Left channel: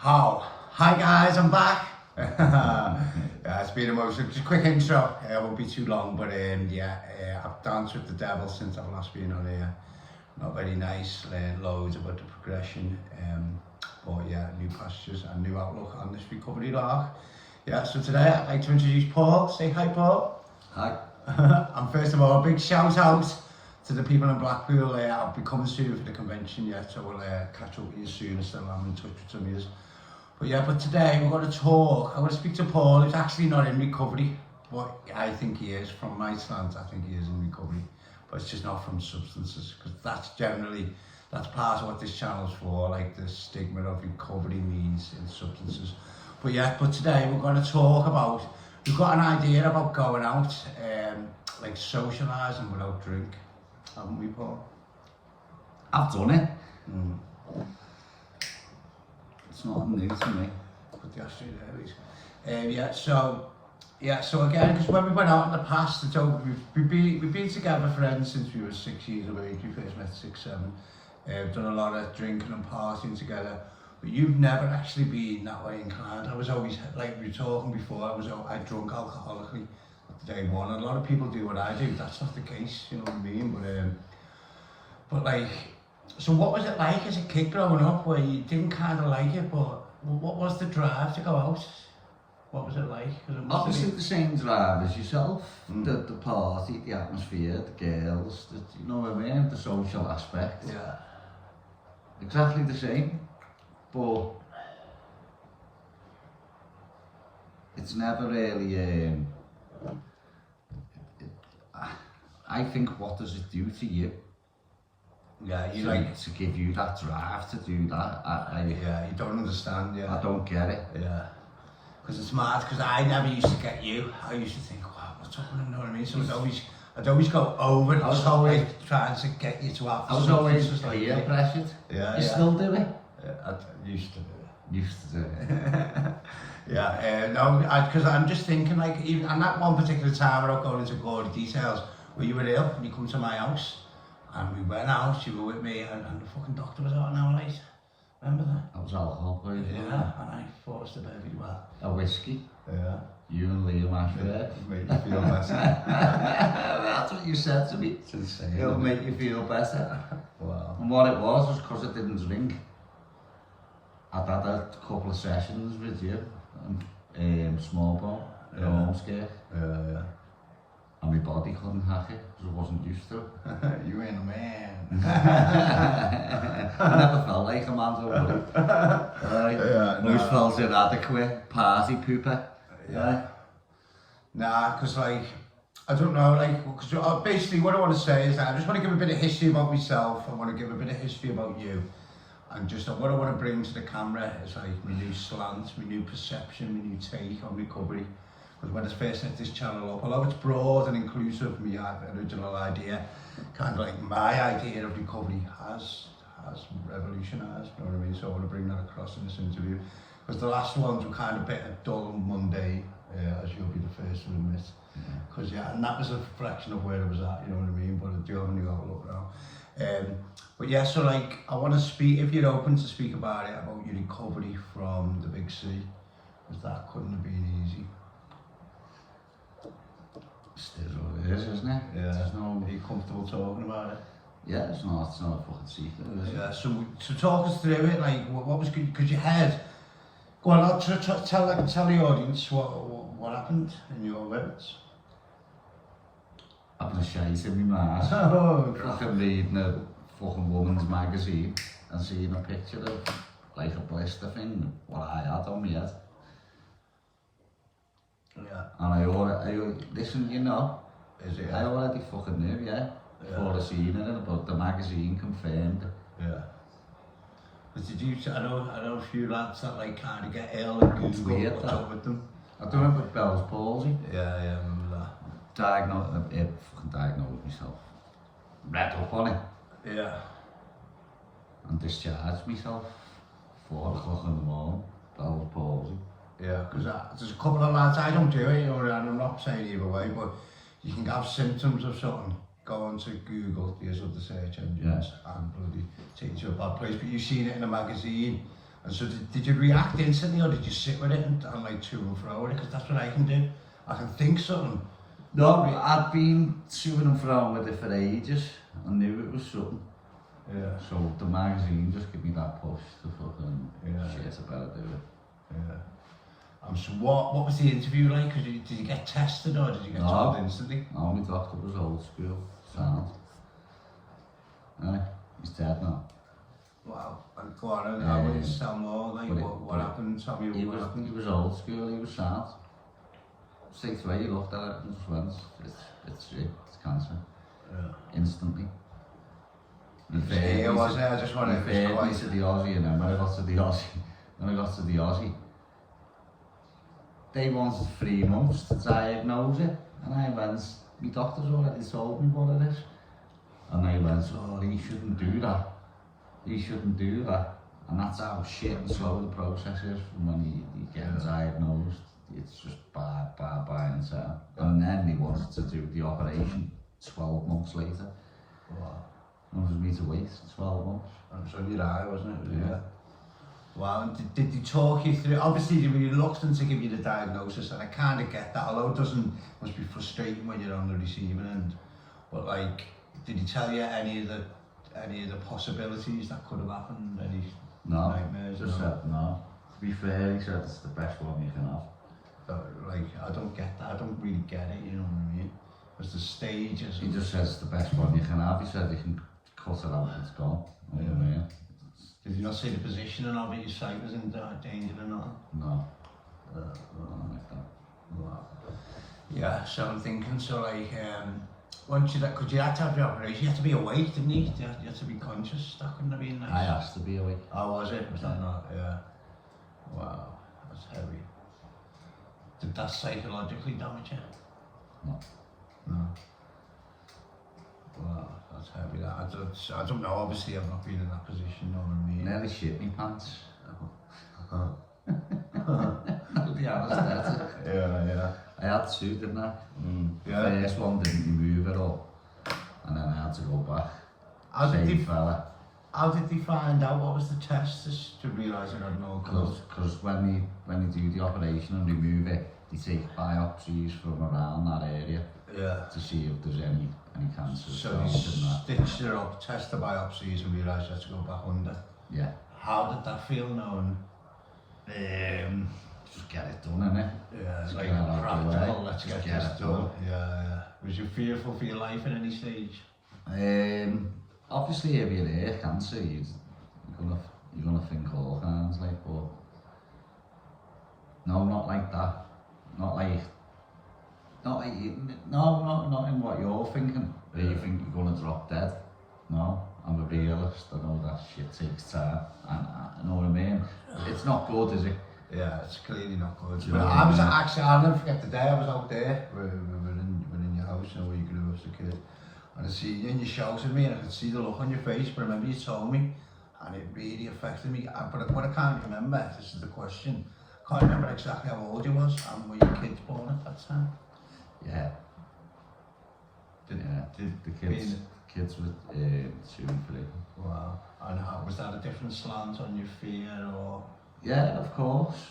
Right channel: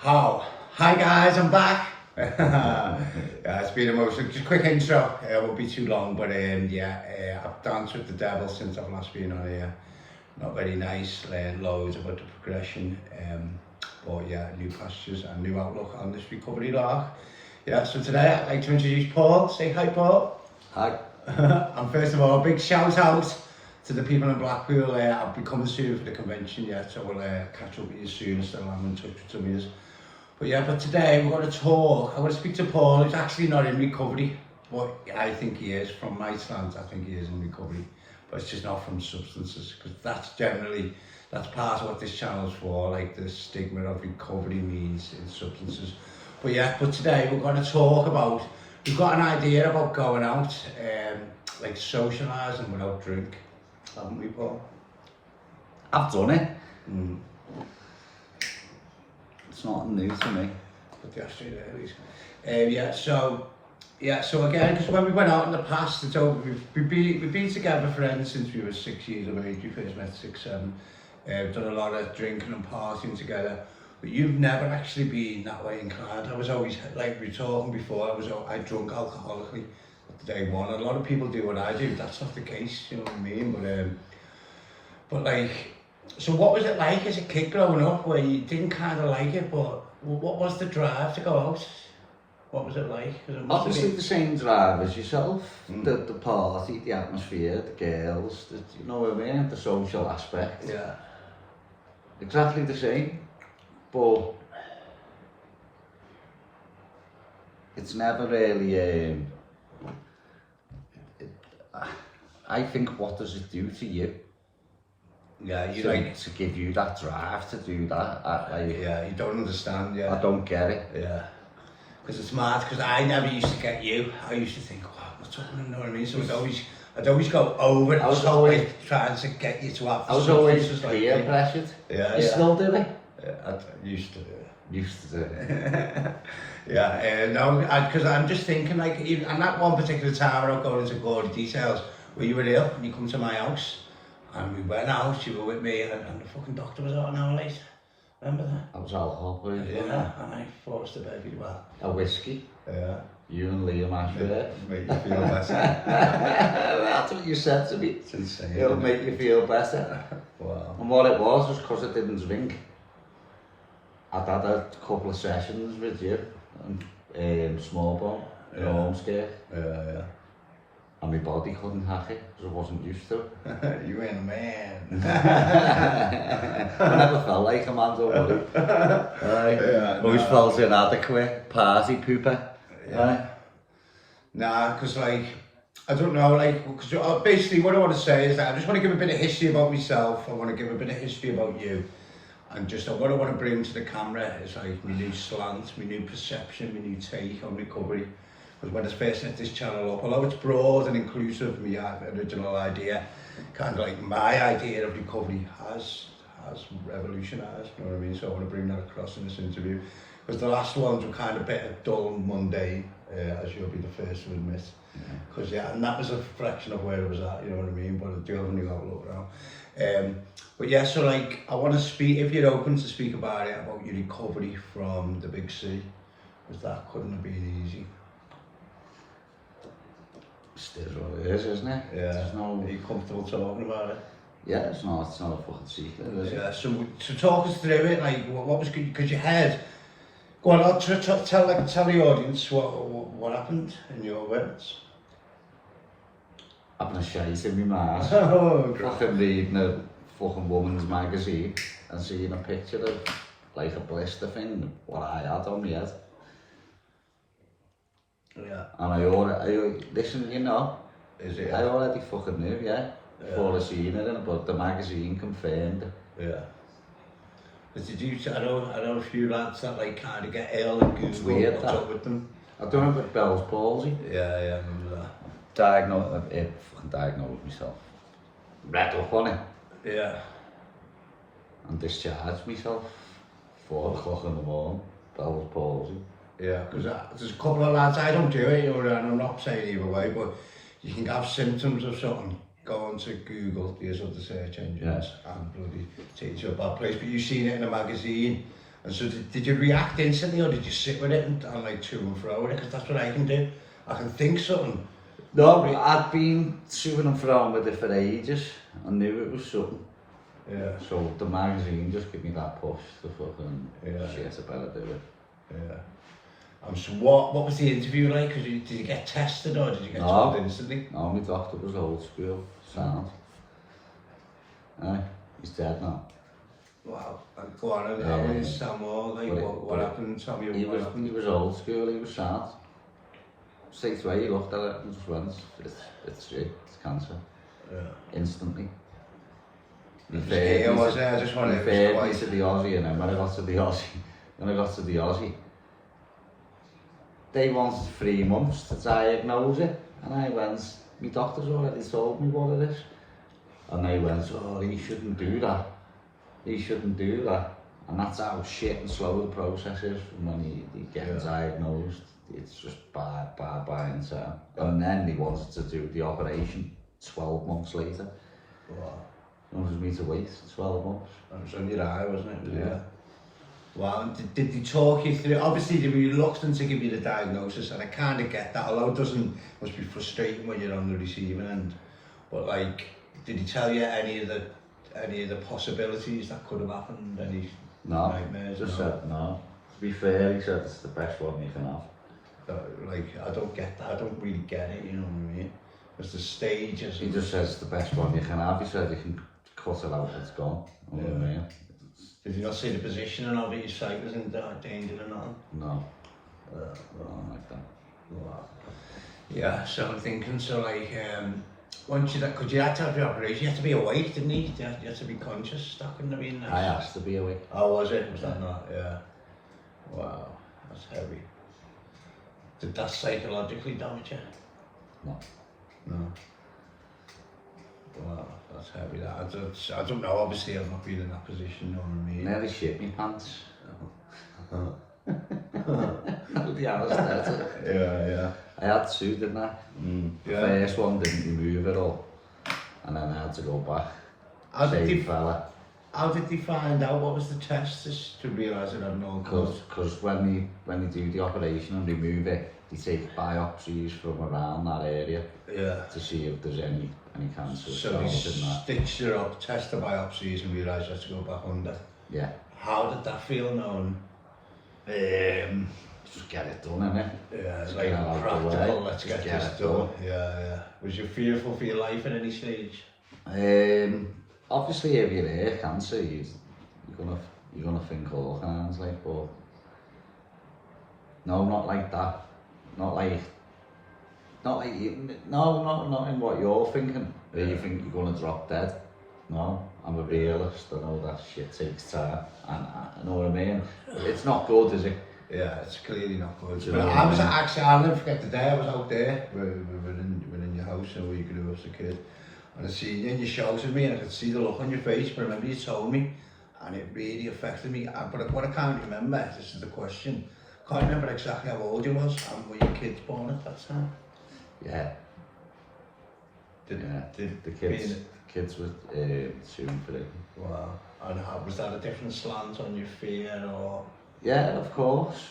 How? Hi guys, I'm back. It's been emotional. Just a quick intro. It won't be too long, but I've danced with the devil since I've last been on here. Not very nice. Learned loads about the progression. But yeah, new pastures and new outlook on this recovery lark. Yeah, so today I'd like to introduce Paul. Say hi, Paul. Hi. And first of all, a big shout out to the people in Blackpool. I'll be coming soon for the convention yet, so we'll catch up with you soon. I still am in touch with some of you. But today we're going to talk. I'm going to speak to Paul. He's actually not in recovery, but I think he is. From my stance, I think he is in recovery, but it's just not from substances, because that's part of what this channel's for, like the stigma of recovery means in substances. But today we're going to talk about, we've got an idea about going out, like socialising without drink, haven't we, Paul? I've done it. It's not new to me. Put the ashtray there, please. So again, because when we went out in the past, it's over, we've been together friends since we were 6 years of age. We first met 6, 7. Done a lot of drinking and partying together. But you've never actually been that way inclined. I was always, like we were talking before, I drunk alcoholically at day one. A lot of people do what I do. That's not the case, you know what I mean? But like, so what was it like as a kid growing up where you didn't kind of like it, but what was the drive to go out? What was it like? Obviously the same drive as yourself. The party, the atmosphere, the girls, you know what I mean? The social aspect. Yeah. Exactly the same. But it's never really, I think, what does it do to you? Yeah, you to give you that drive to do that. You don't understand, yeah. I don't get it. Yeah. Because it's mad, because I never used to get you. I used to think, wow, what's up with him, you know what I mean? So I'd always go over it. I was always trying to get you to have I was always peer pressured. Yeah, you still do it? Yeah, I used to do it. Used to do it. Because I'm just thinking, like, even on that one particular time, I don't go into gory details, where you were ill and you come to my house, and we went out, you were with me, and the fucking doctor was out an hour late. Remember that? I was alcohol poisoned. Yeah, and I forced the baby well. A whiskey. Yeah. You and Liam Ashford. Make you feel better. That's what you said to me. It's insane. It'll make you feel better. Wow. And what it was because I didn't drink. I'd had a couple of sessions with you, small bone, home scare. Yeah. And my body couldn't hack it because I wasn't used to it. You ain't a man. I never felt like a man, don't worry. Always felt inadequate, party pooper. Yeah. Nah, because like, I don't know, like, because basically what I want to say is that I just want to give a bit of history about myself. I want to give a bit of history about you. And just what I want to bring to the camera is like my new slant, my new perception, my new take on recovery. Because when I first set this channel up, although it's broad and inclusive, my original idea, kind of like my idea of recovery has revolutionised, you know what I mean? So I want to bring that across in this interview. Because the last ones were kind of a bit dull and mundane, as you'll be the first to admit. Because and that was a reflection of where I was at, you know what I mean? But I do have a new outlook now. So like, I want to speak, if you're open to speak about it, about your recovery from the big C, because that couldn't have been easy. It is what it is, isn't it? Yeah. Are you comfortable talking about it? Yeah, it's not a fucking secret, is it? Yeah, so talk us through it, like, what was good, because you had, go on, tell the audience what happened in your words. Having a shite in my mouth. Oh, fucking reading a fucking woman's magazine and seeing a picture of like a blister thing, what I had on my head. Yeah. And I already, listen, you know, I already fucking knew, before I seen it, but the magazine confirmed it. Yeah. But did you, I know a few lads that like kind of get ill and Google weird, what's up with them. I done it with Bell's palsy. Yeah, I remember that. Fucking diagnosed myself. Read up on it. Yeah. And discharged myself 4 o'clock in the morning, Bell's palsy. Yeah, because there's a couple of lads, I don't do it, you know, and I'm not saying either way, but you can have symptoms of something, go on to Google, these other search engines, and bloody takes you to a bad place. But you've seen it in a magazine, And so did you react instantly, or did you sit with it and like to and fro with it? Because that's what I can do. I can think something. No, I'd been to and fro with it for ages. I knew it was something. Yeah. So the magazine just gave me that push to fucking shit, I better do it. Yeah. So what was the interview like? Did you get tested or did you get told instantly? No, my doctor was old school, sound. Aye, he's dead now. Wow. Go on and tell me some more, like what happened? Tell me what happened. He was old school, he was sound. Straight away he looked at it and just went, it's shit, it's cancer. Yeah. Instantly. He was it? I just wanted to the Aussie, and then when I got to the Aussie, they wanted 3 months to diagnose it, and I went, my doctor's already told me what it is. And they went, oh, he shouldn't do that. He shouldn't do that. And that's how shit and slow the process is from when you get diagnosed. It's just bad and so. And then they wanted to do the operation 12 months later. Wow. It was me to wait 12 months. It was on your eye, wasn't it? Yeah. Wow, and did they talk you through? Obviously they were reluctant to give you the diagnosis, and I kind of get that, although it must be frustrating when you're on the receiving end. But like, did he tell you any of the possibilities that could have happened? Any nightmares? Just said no. To be fair, he said it's the best one you can have. Like, I don't get that, I don't really get it, you know what I mean? Because the stages... He just says it's the best one you can have. He said you can cut it out, it's gone. You know what I mean? Did you not see the positioning of it? Your sight was in danger or nothing? No. Not like that. Wow. Yeah, so I'm thinking, so like, once you, because you had to have your operation, you had to be awake, didn't you? You had to be conscious, that couldn't have been nice. I asked to be awake. Oh, was it? Was that not? Yeah. Wow, that's heavy. Did that psychologically damage you? No. No. Wow, that's heavy. That. I don't know, obviously I've not been in that position, you know what I mean? Nearly shit me pants. I'll be honest, that's it. Yeah. I had 2, didn't I? The Yeah. first one didn't remove it all. And then I had to go back. How did they find out? What was the test to realise it had no cause? Because when they do the operation and remove it, they take biopsies from around that area to see if there's any cancer. So they stitched it up, test the biopsies and realised you have to go back under. Yeah. How did that feel knowing? Just get it done, innit? Yeah, it's Just like get it out of the way. practical, let's Just get this done. Yeah. Was you fearful for your life at any stage? Obviously if you're there, cancer, you're gonna think all kinds, like, but no, not like that. Not in what you're thinking, where you think you're gonna drop dead. No, I'm a realist, I know that shit takes time, and I know what I mean. It's not good, is it? Yeah, it's clearly not good. Do But you know I was what I mean? actually, I'll never forget the day I was out there, we're in your house, you know, where you grew up as a kid. And I see you and you shouted me and I could see the look on your face, but I remember you told me, and it really affected me. But what I can't remember, this is the question, I can't remember exactly how old you was, and were your kids born at that time? Yeah. The kids were 2 and 3. Wow. And how, was that a different slant on your fear or? Yeah, of course.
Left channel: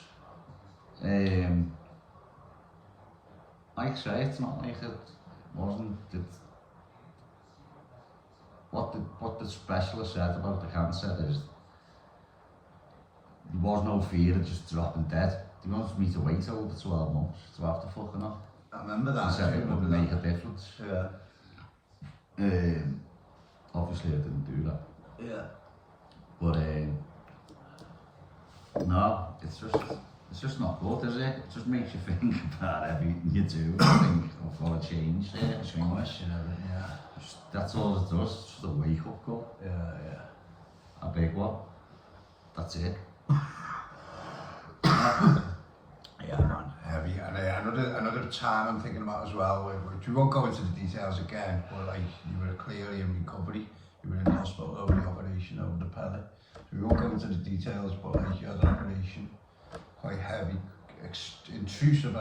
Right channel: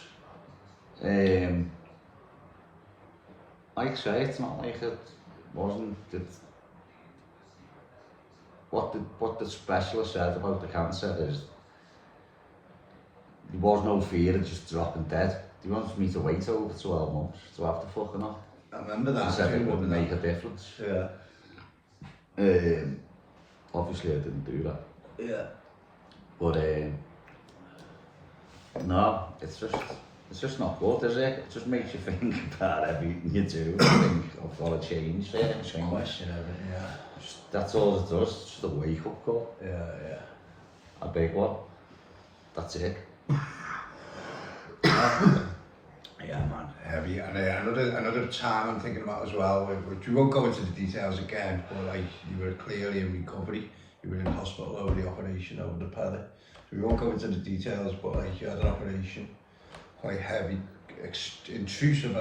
Like I say, it's not like it wasn't. What the specialist said about the cancer is there was no fear of just dropping dead. They wanted me to wait over 12 months to have the fucking up. I remember that. He said it wouldn't make a difference. Yeah. Obviously I didn't do that. Yeah. But no, it's just not good, is it? It just makes you think about everything you do. Think I've got to change there. Question everything, yeah. That's all it does. It's just a wake up call. Yeah. A big one. That's it. Yeah, man, heavy. And another time I'm thinking about as well, which we won't go into the details again, but like you were clearly in recovery. You were in hospital over the operation, over the pellet. So we won't go into the details, but like you had an operation, quite heavy, intrusive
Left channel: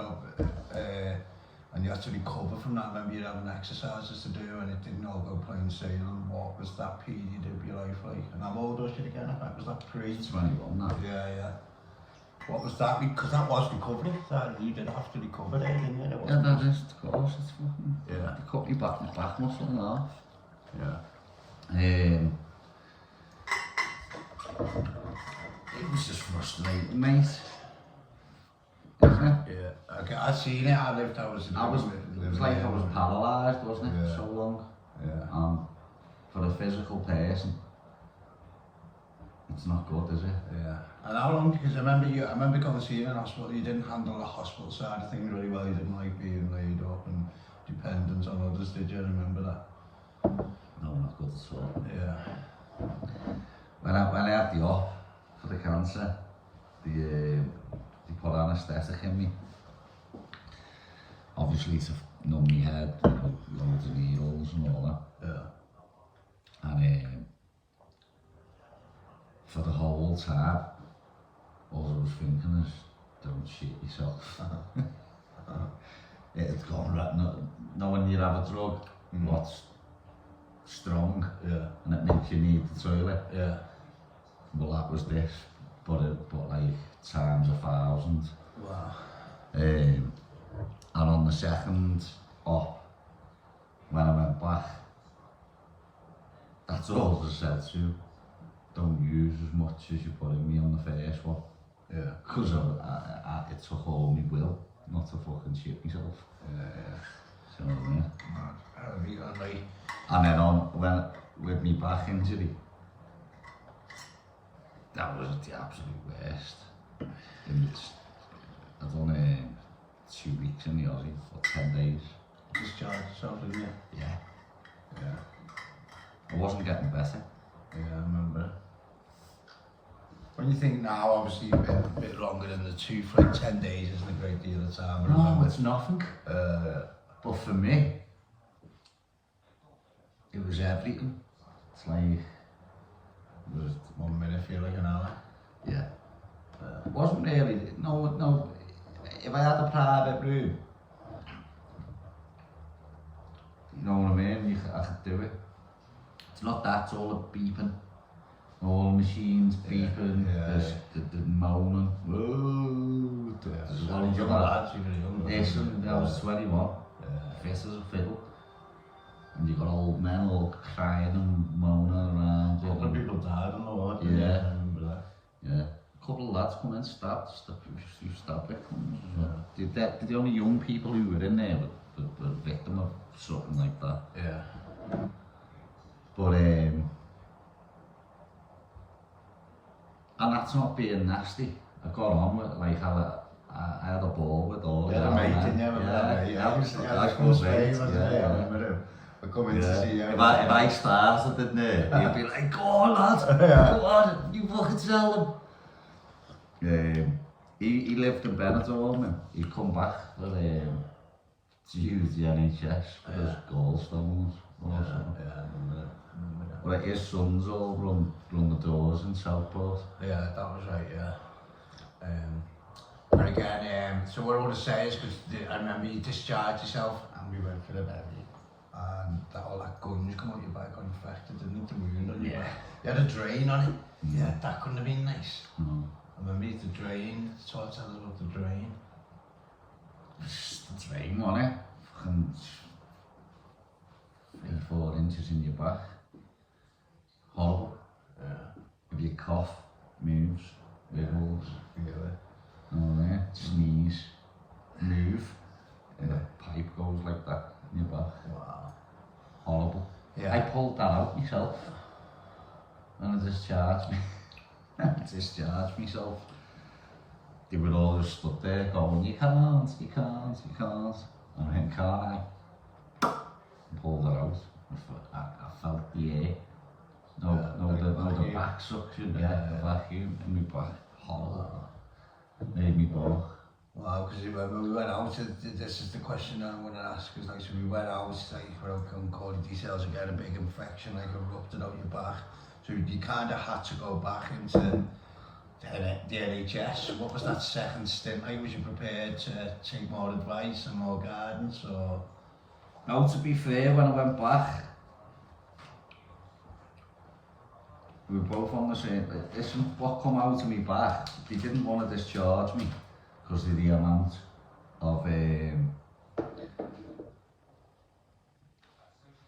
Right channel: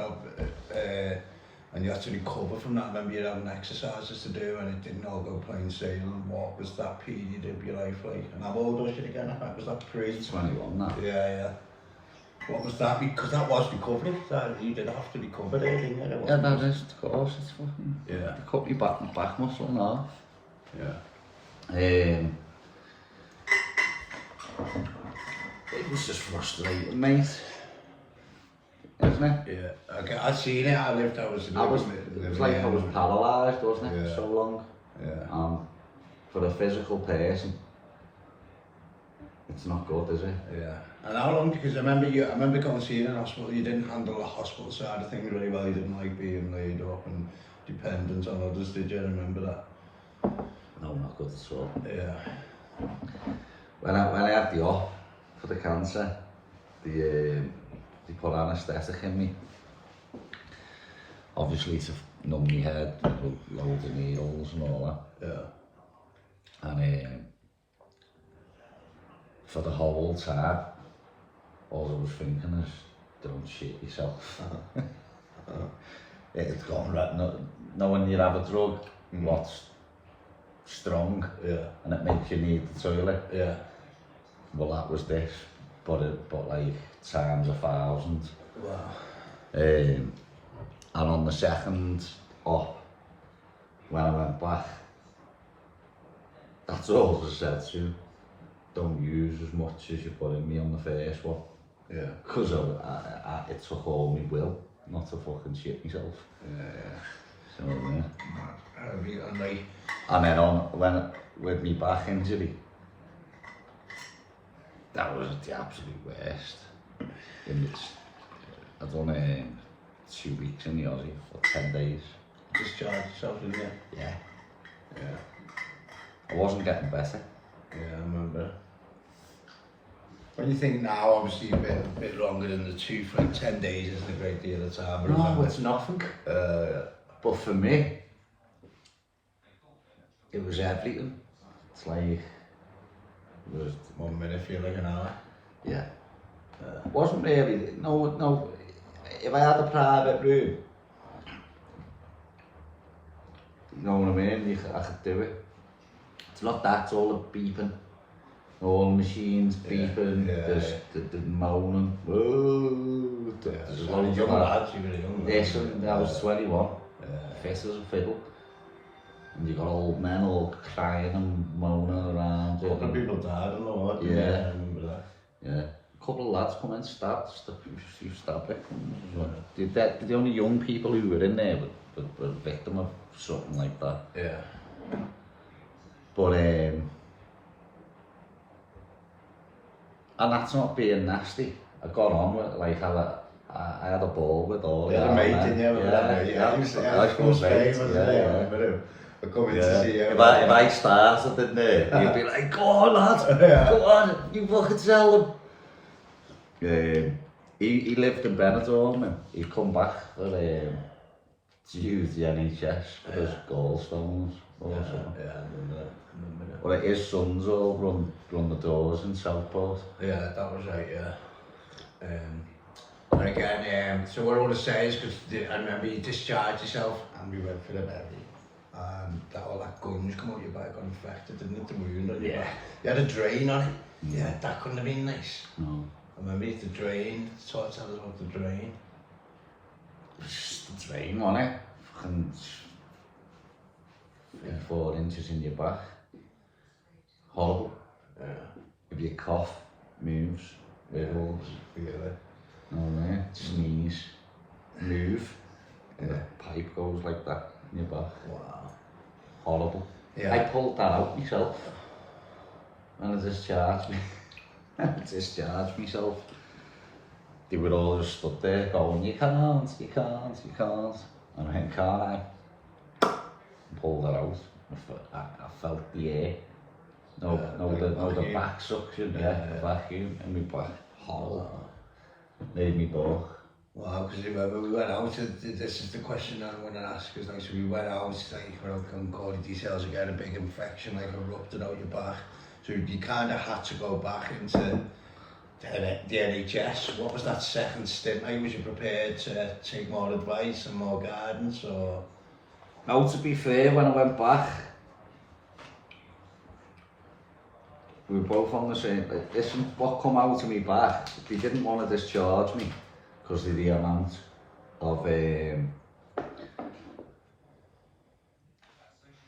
and you had to recover from that. I remember you having exercises to do and it didn't all go plain sailing. What was that period of your life like? And how old was you again? I think was that pre? 21 now. Yeah. What was that? Because that was recovery. That you did have to recover there, didn't you? Yeah, that is, of course, it's fucking... Yeah. They cut me back muscle now. Yeah. It was just frustrating, mate. Isn't it? Yeah. Okay, I seen it. I lived. It was like I was paralysed, wasn't it? Yeah. So long. Yeah. For a physical person, it's not good, is it? Yeah. And how long? Because I remember going to see you in hospital. You didn't handle the hospital side of things really well. You didn't like being laid up and dependent on others. Did you remember that? No, not good at all. Yeah. When I had the op for the cancer, they put anaesthetic in me. Obviously to numb my head with loads of needles and all that. Yeah. And for the whole time, all I was thinking is, don't shit yourself. It's gone right. No, when you have a drug, what's strong, and it makes you need the toilet. Yeah. Well, that was this, but like times 1,000. Wow. And on the second op, when I went back, that's all I said to. Don't use as much as you put in me on the first one. Yeah. Because it took all my will not to fucking shit myself. Yeah. So yeah. And then with my back injury, that was the absolute worst. I done 2 weeks in the Aussie for 10 days. discharged yourself, didn't you? Yeah. Yeah. I wasn't getting better. Yeah, I remember. When you think now, obviously you've been a bit longer than the 10 days isn't a great deal of time. But No, remember, it's nothing. But for me, it was everything. It's like, it was, 1 minute feel like an hour. yeah. It wasn't really, no, if I had a private room, you know what I mean, I could do it. It's not that, it's all the beeping. All the machines beeping, there's the moaning. Whoa, there's loads of that. Yes, and I was 21, fit as a fiddle. And you got old men all crying and moaning around. A couple of people died on the ward. Yeah. I remember that. Yeah. A couple of lads come in, stabbed it. They're the only young people who were in there were victim of something like that. Yeah. But and that's not being nasty. I got on with it, like I had a ball with all the Yeah, mate, didn't you? Yeah, I from Spain, wasn't it? I remember him. I come in to see you. If I started in there, you'd be like, go on lad, go on, you fucking tell them. He lived in Benidorm and he'd come back for to use the NHS for his gallstones or something. Yeah, I remember that. But his sons all run the doors in Southport. Yeah, that was right, yeah. And again, so what I want to say is, because I remember you discharged yourself and we went for the medic, and all that gunge come out your back got infected, didn't it? The wound on your back. You had a drain on it. Yeah, that couldn't have been nice. No. I remember you had the drain, so tell us about the drain. The drain on it, fucking 3-4 inches in your back. Horrible. Yeah. If you cough, moves, wiggles, Forget it. no man, sneeze, move, pipe goes like that in your back. Wow. Horrible. Yeah. I pulled that out myself when I discharged me. I discharged myself. They were all just stood there going, you can't. And I went, can't I? Pulled that out. I felt the air. The back suction, the vacuum in my back. Horrible. Made me balk. Wow, because remember we went out, this is the question I want to ask, is like, so we went out, like, without calling details again, a big infection, like erupted out your back. So you kind of had to go back into the NHS. What was that second stint like? Was you prepared to take more advice and more guidance, or? Now, to be fair, when I went back, we were both on the same. Listen, what come out of me back, they didn't want to discharge me because of the amount of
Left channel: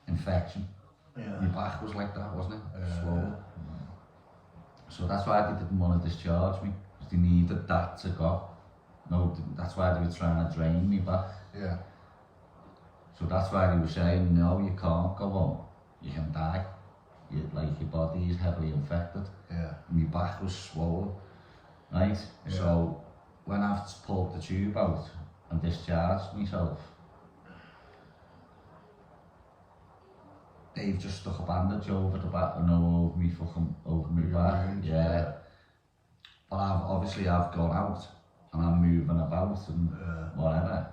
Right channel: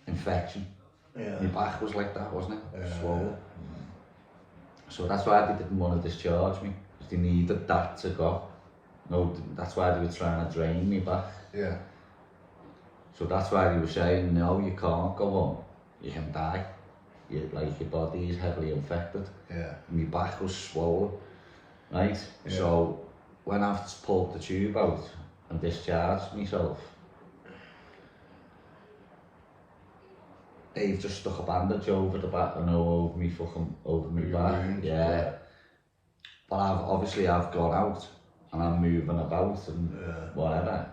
infection. Yeah. My back was like that, wasn't it? Yeah. Swollen. So that's why they didn't want to discharge me, because they needed that to go. No, that's why they were trying to drain me back. Yeah. So that's why they were saying, no, you can't go on, you can die. Like your body is heavily infected. Yeah. My back was swollen, right? Yeah. So when I pulled the tube out and discharged myself, they've just stuck a bandage over the back and over me over my back. Wound, Yeah. But I've gone out and I'm moving about and whatever.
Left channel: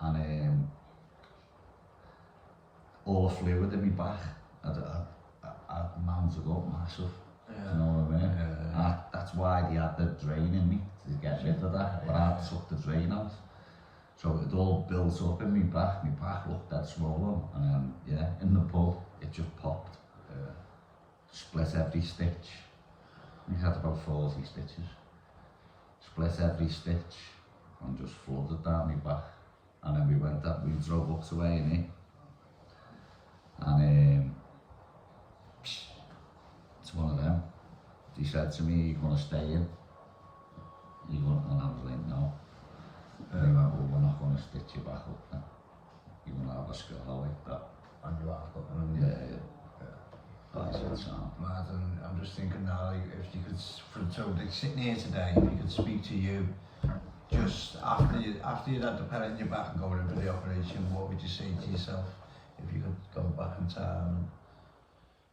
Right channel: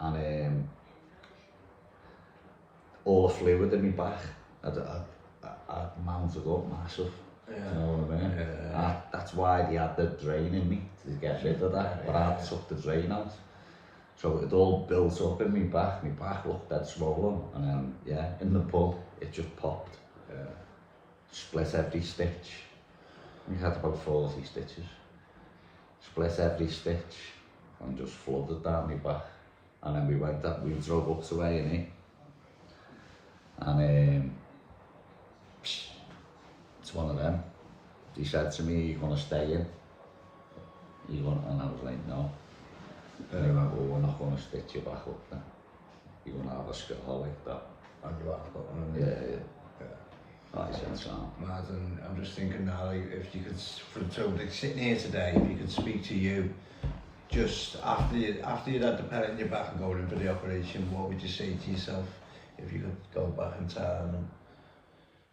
And all the fluid in my back I'd mounted up massive. Yeah. You know what I mean? Yeah. That's why they had the drain in me, to get rid of that. But I had to suck the drain out. So it all built up in my back looked dead swollen, and then, yeah, in the pub, it just popped. Yeah. Split every stitch. We had about 40 stitches. Split every stitch, and just flooded down my back. And then we drove up to A&E. And it's one of them. He said to me, "You're gonna stay in." And I was like, "No." And he went, "Well, we're not going to stitch you back up then. You're going to have a scar like that." And you have got one. Yeah. I said, "Sam." Martin, I'm just thinking now, like, if you could, so like, sitting here today, if you could speak to you, just after you'd had the pellet in your back and going in for the operation, what would you say to yourself if you could go back in time, and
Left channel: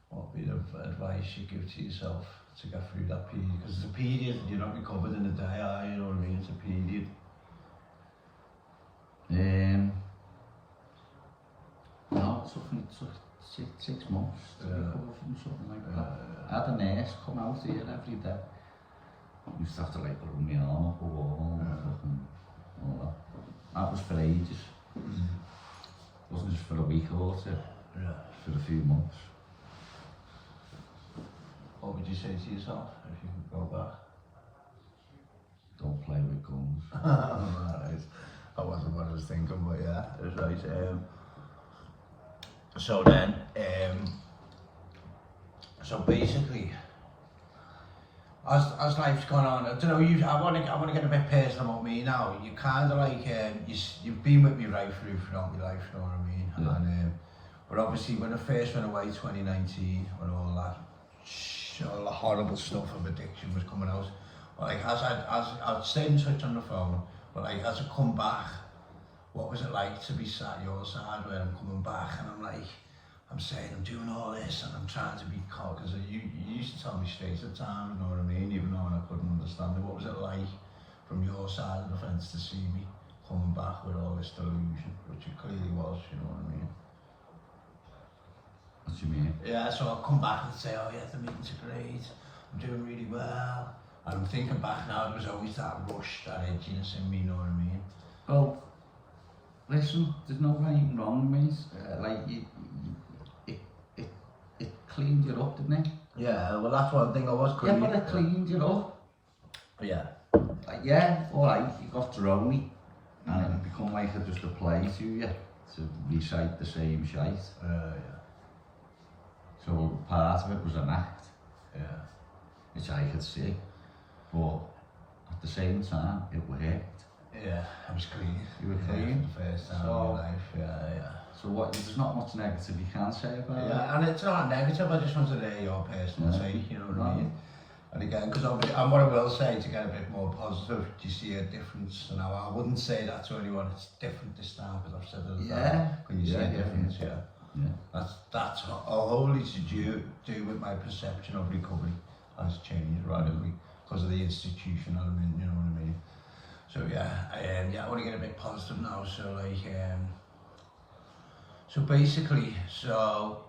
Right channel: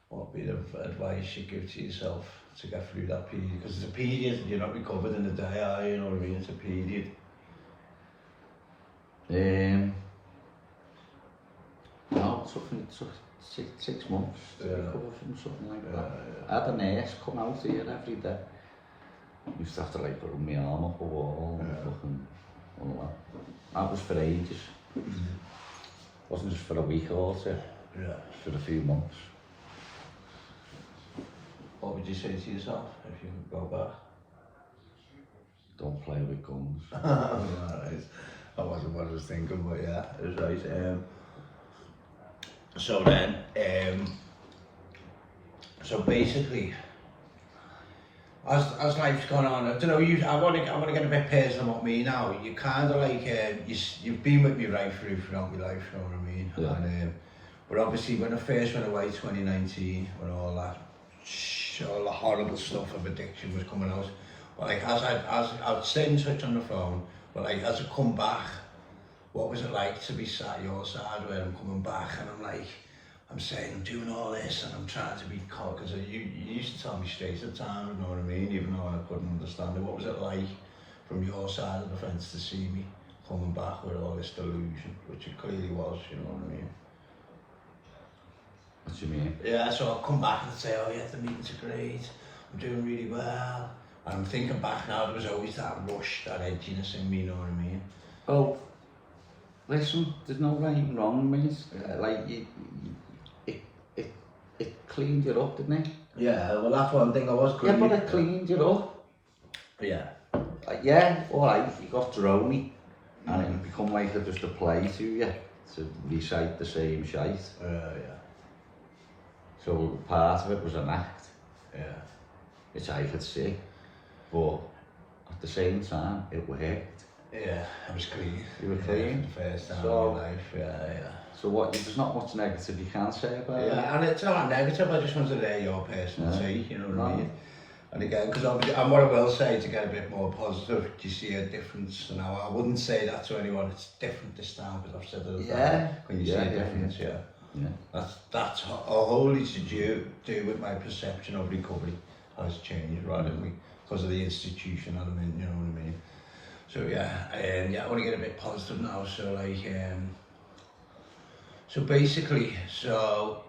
what would be the advice you'd give to yourself to get through that period? Because it's a period, you're not recovered in a day, are you? You know what I mean? It's a period. No, it took 6 months to recover from something like that. I had a nurse come out here every day. I used to have to like run my arm up a wall and fucking all that. That was for ages. Wasn't just for a week or two. Yeah. For a few months. What would you say to yourself if you could go back? Don't play with guns. Right. That wasn't what I was thinking, but yeah, it was right. So then, so basically, as life's gone on, I don't know. I want to get a bit personal about me now. You kind of like you've been with me right throughout my life. You know what I mean? Yeah. And but obviously, when I first went away, 2019, when all the horrible stuff of addiction was coming out, but like as I'd stayed in touch on the phone, but like as I come back, what was it like to be sat your side where I'm coming back and I'm saying I'm doing all this and I'm trying to be caught, because you used to tell me straight at the time, you know what I mean, even though I couldn't understand it. What was it like from your side of the fence to see me coming back with all this delusion, which it clearly was, you know what I mean? What do you mean? Yeah, so I'll come back and say, "Oh yeah, the meetings are great, I'm doing really well." And I'm thinking back now, there was always that rush, that edginess in me, you know what I mean? Well, listen, there's no right and wrong, mate. Like, it cleaned you up, didn't it? Yeah, well that's one thing I was Yeah, but it cleaned you up. Yeah. Yeah, alright, you got droney. And it become like just a play to you, to recite the same shite. Yeah. So part of it was an act, Yeah. which I could see. But at the same time, it worked. Yeah, I was clean. You were clean? For the first time So- in my life, yeah. So there's not much negative you can say about it. Yeah, and it's not negative, I just wanted to hear your personal Yeah. take, you know what I No. mean? And again, because obviously, and what I will say to get a bit more positive, do you see a difference now? I wouldn't say that to anyone, it's different this time, because I've said it Yeah. when you see a Yeah, difference, yeah. That's wholly to do with my perception of recovery has changed radically because of the institution element, you know what I mean? So yeah, I want to get a bit positive now. So like, so basically, so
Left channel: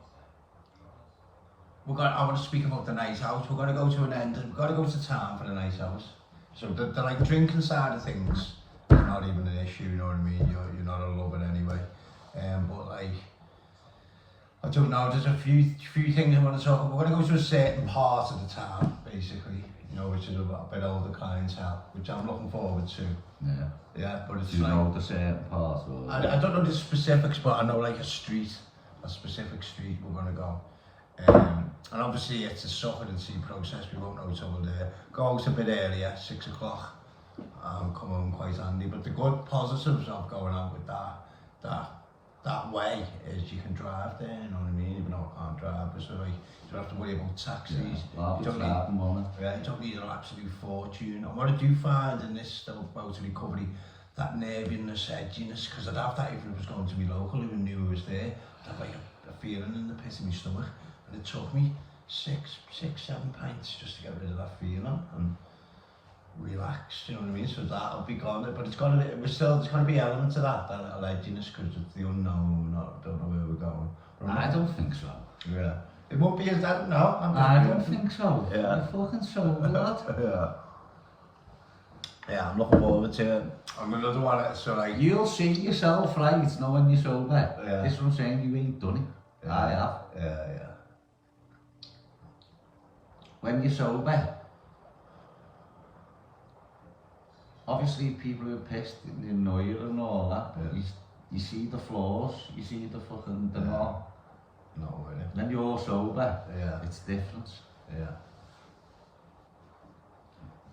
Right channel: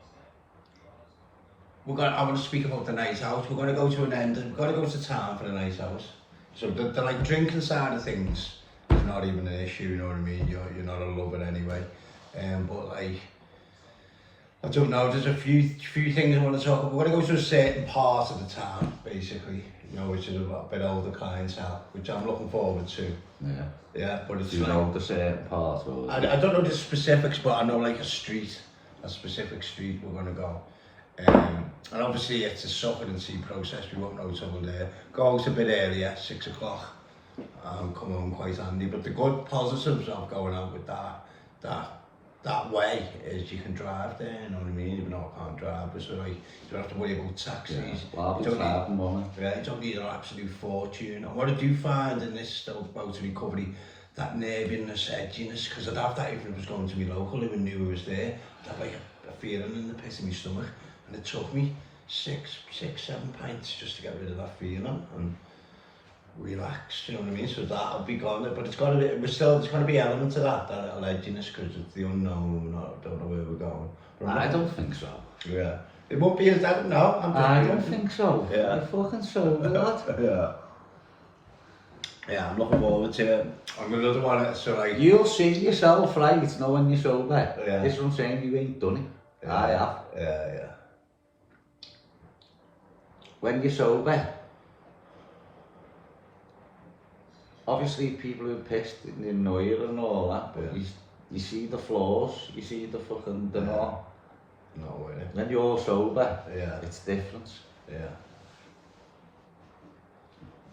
I want to speak about the night out. We're going to go to an end. We've got to go to town for the night out. So the like drinking side of things is not even an issue. You know what I mean? You're not a lover anyway. But like, I don't know. There's a few things I want to talk about. We're going to go to a certain part of the town, basically. You know, which is a bit older clientele, which I'm looking forward to. Yeah. Yeah, but it's Do you like, know the certain part? Or I don't know the specifics, but I know like a specific street we're going to go. And obviously it's a suffer and see process, we won't know till we're there. Go out a bit earlier, 6 o'clock, come home quite handy. But the good positives of going out with that way is you can drive there, you know what I mean? Even though I can't drive, so like, you don't have to worry about taxis. Well, you don't need an absolute fortune. And what I do find in this about recovery, that nerviness, edginess, because I'd have that even if it was going to me local, even knew I was there, I'd have like a feeling in the pit of my stomach. And it took me 7 pints just to get rid of that feeling and relax, you know what I mean? So that'll be gone, but it's got to be, there's going to be elements of that little edginess because it's the unknown, I don't know where we're going. But I don't think so. Yeah. It won't be as, I don't know. I don't think so. Yeah. You're fucking sober, lad. Yeah. Yeah, I'm looking forward to it. I'm another one, so like... You'll see yourself, right, know when you're sober. Yeah. This is what I'm saying, you ain't done it. Yeah. I have. Yeah. When you're sober, obviously people who are pissed, they annoy you and all that, but you see the flaws, you see the fucking, no way. When you're sober, it's different. Yeah.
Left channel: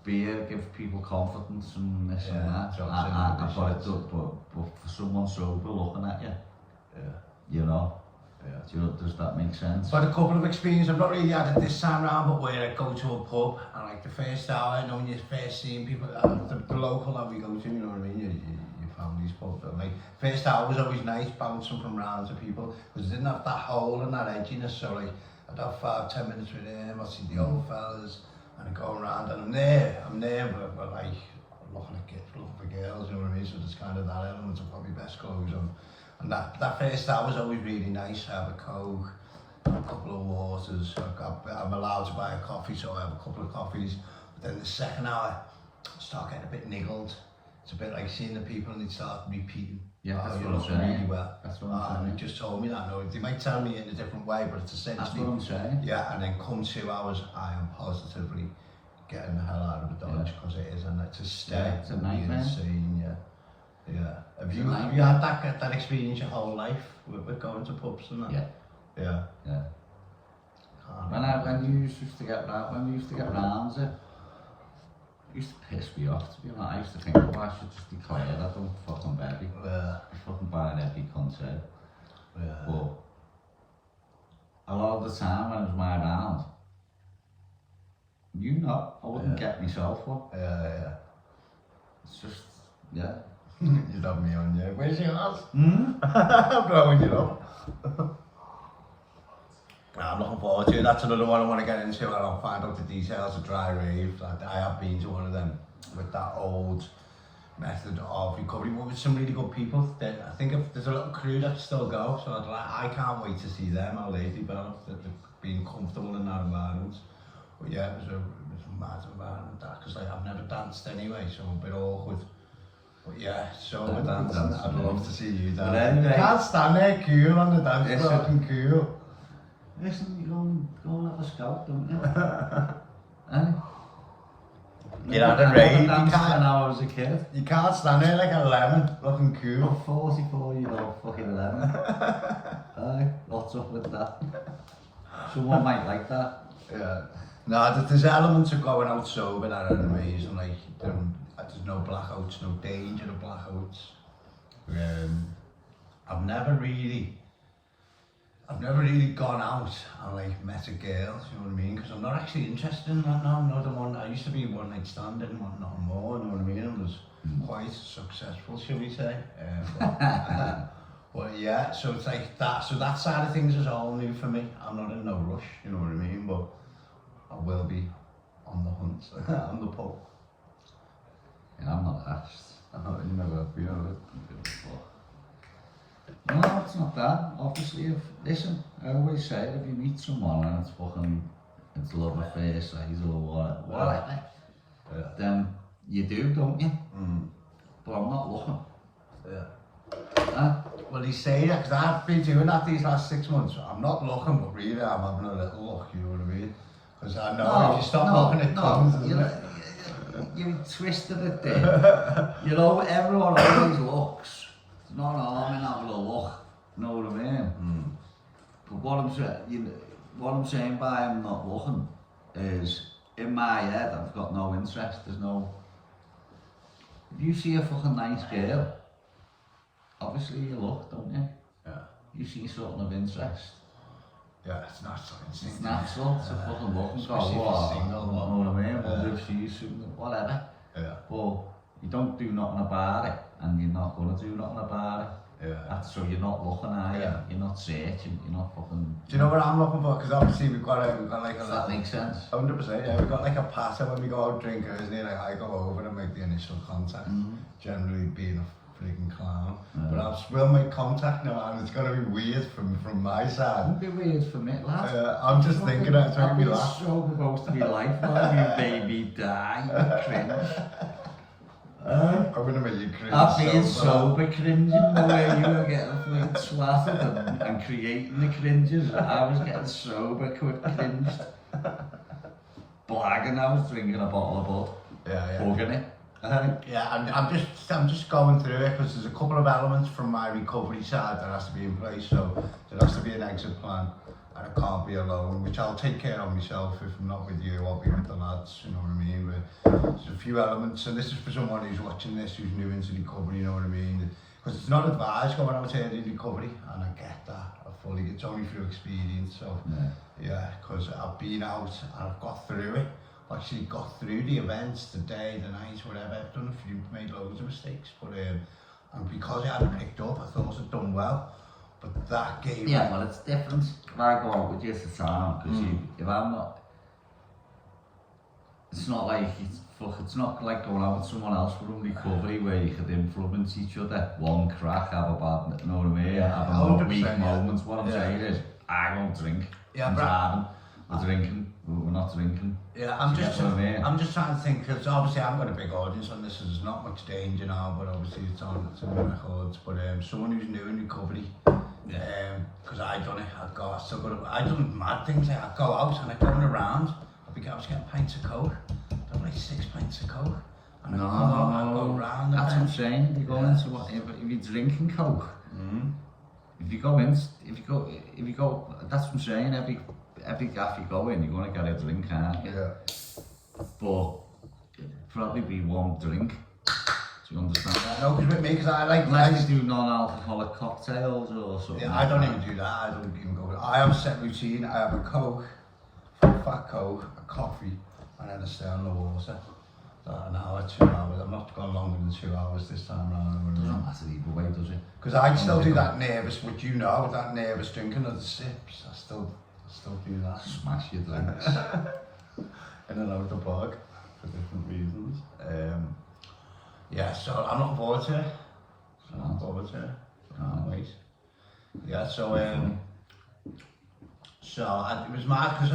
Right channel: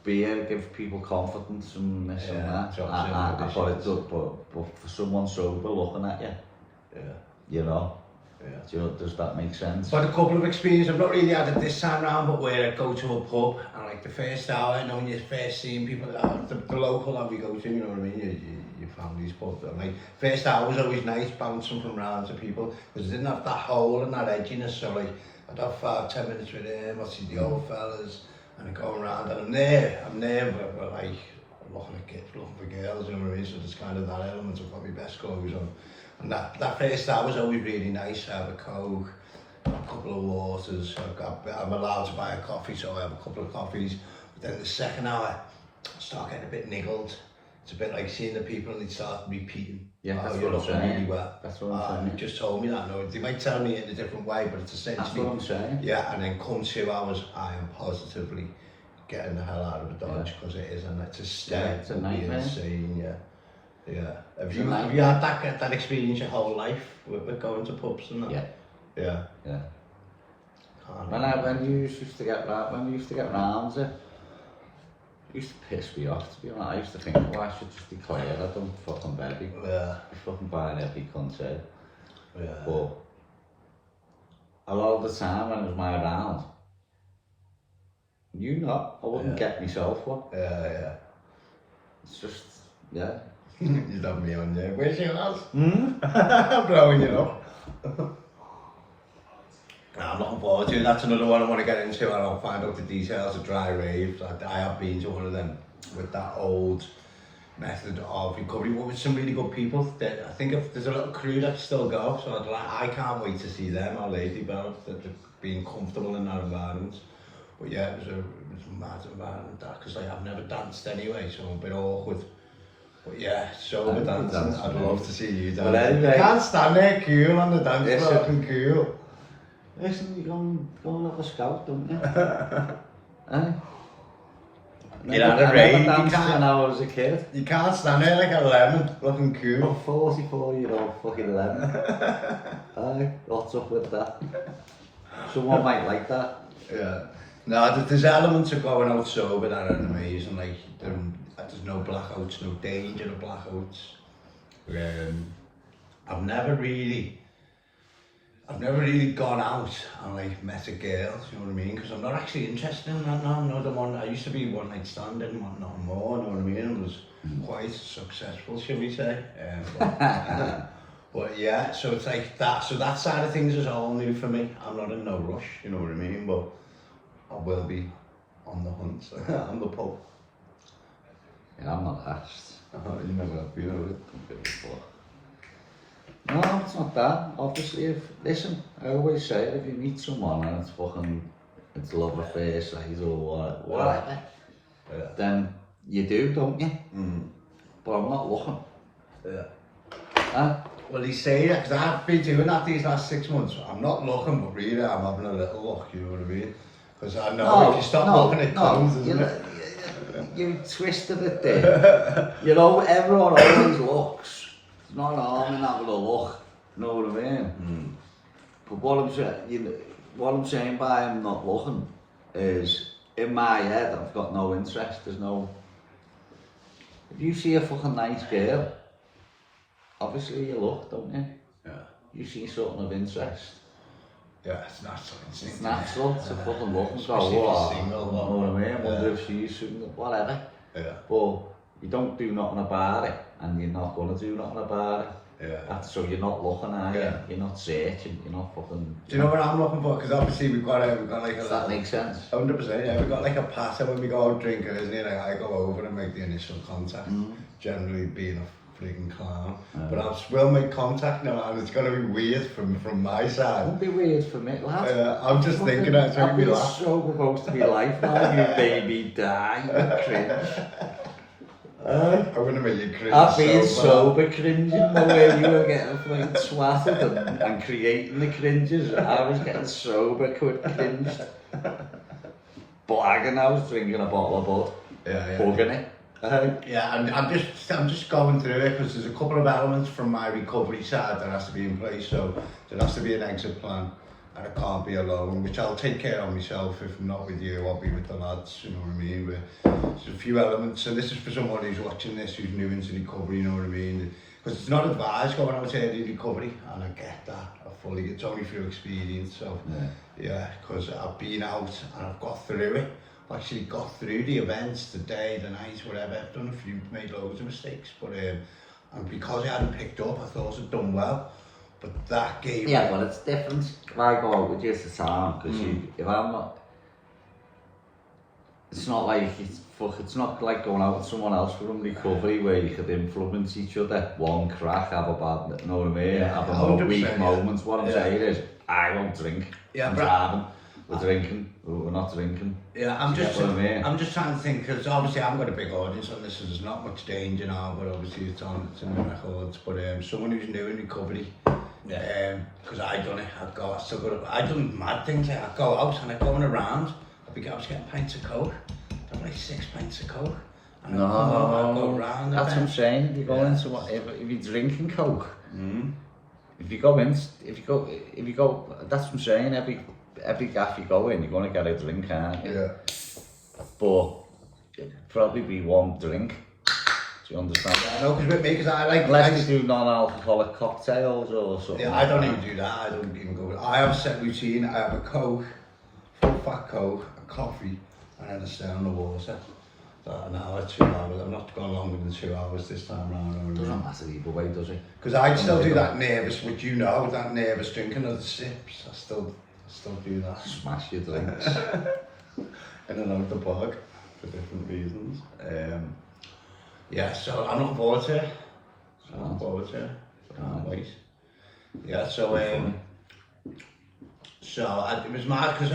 Beer gives people confidence and this and that. But for someone sober looking at you, you know, does that make sense? But a couple of experiences, I've not really had it this time round, but where I go to a pub and like the first hour, you know, when you're first seeing people, the local that we go to, you know what I mean, your family's pub, and like, first hour was always nice, bouncing from round to people, because it didn't have that hole and that edginess, so like, I'd have 5-10 minutes with him, I'd see the old fellas, and I'm going around, and I'm there, but like, I'm looking for girls, you know what I mean, so there's kind of that element of what my best clothes on. And that first hour was always really nice. I have a Coke, a couple of waters, I'm allowed to buy a coffee, so I have a couple of coffees. But then the second hour, I start getting a bit niggled. It's a bit like seeing the people and they start repeating. Yeah, that's you're what I'm looking saying. really well. That's what I'm saying. They just told me that. No, they might tell me in a different way, but it's essentially... That's what I'm saying. Yeah, and then come 2 hours, I am positively getting the hell out of the Dodge, because it is, and to stay, it's a nightmare. Insane, yeah. Have you had that experience your whole life with going to pubs and that? Yeah. When you used to get round it used to piss me off, to be honest. I used to think, well, I should just be quiet, I don't fucking baby. Yeah. I fucking buying every cunt said. Yeah. But a lot of the time when it was my round, I wouldn't get myself one. Yeah. It's just, You love me on there. Where's your house? Blowing it up. I'm looking forward to it. That's another one I want to get into. I don't find out the details of dry rave. I have been to one of them with that old method of recovery, but with some really good people. I think if there's a little crew that still go, so I can't wait to see them, how they develop, that being comfortable in that environment. But yeah, it was a mad environment, that, because like, I've never danced anyway, so I'm a bit awkward. But yeah, sober dancing, I'd love to see you dance. Well, anyway, you can't stand there cool on the dance floor, looking cool. Listen, you go and have a scout, don't you? You're at a rave, I danced when I was a kid. You can't stand there like a lemon, looking cool. I'm 44-year-old fucking lemon. Aye, what's up with that? Someone might like that. Yeah. No, there's elements of going out sober that are amazing, like, there's no blackouts, no danger of blackouts. I've never really gone out and like met a girl, you know what I mean? Because I'm not actually interested in that now. No, the one I used to be one night stand, didn't want nothing more, you know what I mean? And was quite successful, shall we say? But yeah, so it's like that. So that side of things is all new for me. I'm not in no rush, you know what I mean? But I will be on the hunt, on the pub. Yeah, I'm not asked. You never have been, have you? No, it's not that. Obviously, listen, I always say if you meet someone and it's love at first sight or whatever, then you do, don't you? But I'm not looking. Yeah. Huh? Well, he's saying that, because I've been doing that these last 6 months. I'm not looking, but really I'm having a little look, you know what I mean? Because I know if you stop looking, it comes, isn't it? You twisted it there. You know, everyone always looks. It's not harm in having a look. You know what I mean? But what I'm saying by I'm not looking is, in my head, I've got no interest. There's no. If you see a fucking nice girl, obviously you look, don't you? Yeah. You see something of interest. Yeah, it's natural. It's natural to fucking look and go, Especially if you're oh, single, you know what I mean? Wonder if she's whatever. Yeah. But you don't do nothing about it, and you're not gonna do nothing about it. Yeah. So you're not looking, are you? Yeah. You're not searching. You're not fucking. Do you know what I'm looking for? Because obviously we've got like a. Does that make sense? 100%. Yeah, we've got like a pattern when we go out drinking, isn't it? Like I go over and make the initial contact. Generally being a freaking clown, but I will make contact now, and it's gonna be weird from my side. It won't be weird for me, lad. I'm just thinking it's making me laugh. So supposed to be life now, you baby die, you cringe. I'm gonna make you cringe. I've been sober cringing the way you were getting like swatted and creating the cringes. I was getting sober cringed. Blagging, I was drinking a bottle of bud. Yeah. Bugging it. Yeah, and I'm just going through it because there's a couple of elements from my recovery side that has to be in place. So there has to be an exit plan, and I can't be alone, which I'll take care of myself. If I'm not with you, I'll be with the lads. You know what I mean? But there's a few elements, and this is for someone who's watching this, who's new into recovery. You know what I mean? Because it's not advised going out early recovery, and I get that. It's only through experience. So yeah, because I've been out and I've got through it. Actually got through the events, the day, the night, whatever. I've done a few, made loads of mistakes, but and because I hadn't picked up, I thought I'd done well. But that gave me... but it's different. If I go out with you at the time, because if I'm not, it's not like it's not like going out with someone else from recovery where you could influence each other. One crack, have a bad, you know what I mean? Have a weak moments. What I'm saying is, I won't drink. I'm driving. We're drinking, we're not drinking. Yeah, I'm just trying to think, because obviously I haven't got a big audience on this, so there's not much danger now, but obviously it's in the records. But someone who's new in recovery, because I've done it, I've done mad things. Like I'd go out and I'd going around, I was getting pints of coke, I'd have like 6 pints of coke. And I'd go around. That's what I'm saying. If you go into what, if you're drinking coke, if you go, that's what I'm saying. Every gaff you go in, you're going to get a drink, aren't you? Yeah. But it'd probably be one drink. Do you understand? Yeah, no, because with me, because I like... Unless you do non-alcoholic cocktails or something. Yeah, I don't even do that. I don't even go... I have a set routine. I have a Coke, full fat Coke, a coffee, and then a stone of water. An hour, 2 hours. I'm not going longer than 2 hours this time round. Doesn't matter either way, does it? Because I still do that nervous, which you know, that nervous drinking of the sips. I still do that. Smash your drinks. In and out the bog for different reasons. Yeah, so I'm looking forward to it. Can't wait. Yeah, so it was mad because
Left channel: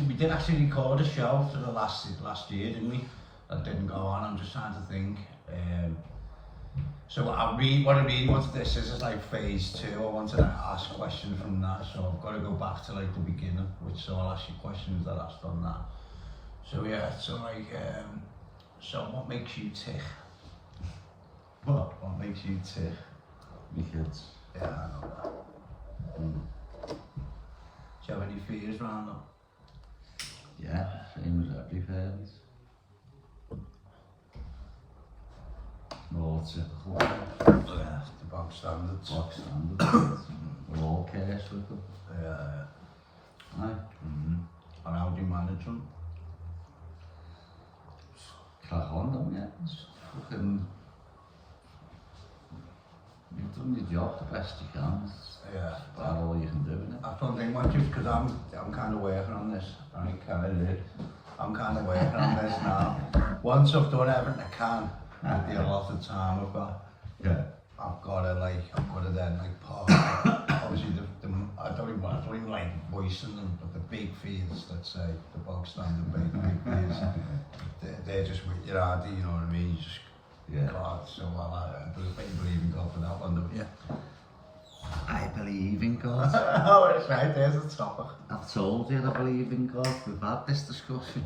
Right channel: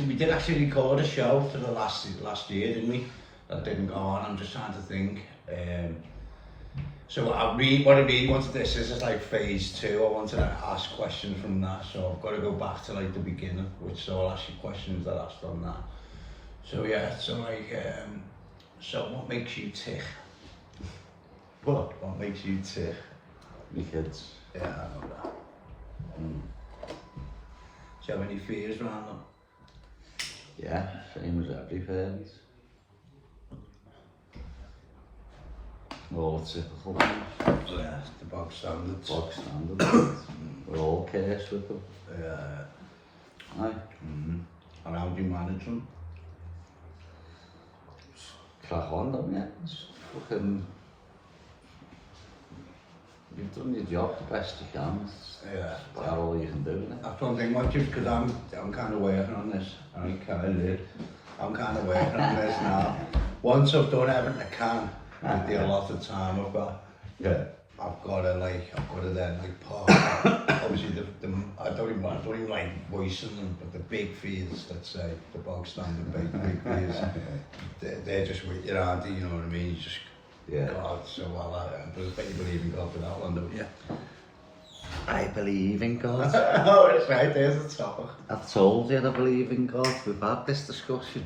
we did actually record a show for the last year, didn't we? That didn't go on. I'm just trying to think. So what I really wanted this is like phase 2. I wanted to ask questions from that, so I've got to go back to like the beginning, so I'll ask you questions that I've done that. So yeah, so like, so what makes you tick? What makes you tick? Me kids. Yeah, I know that. Do you have any fears around them? Yeah, same as every parent. All typical. Yeah, the bog standards. Bog standards. We're all cursed with them. Yeah. Aye. And how do you manage them? Just crack on, don't you? Just fucking... You've done your job the best you can. Yeah. That's all you can do, isn't it? That's one thing, because I'm kind of working on this. I'm kind of working on this now. Once I've done everything I can, with the allotted time I've got, I've got to then like park. Obviously, I don't even like voicing them, but the big fears, let's say, the bog standard big fears, they're just waiting around, you know what I mean? You just, God, so well, I bet you believe in God for that one, don't you? I believe in God. Oh, it's right, there's the topic. I've told you I believe in God. We've had this discussion.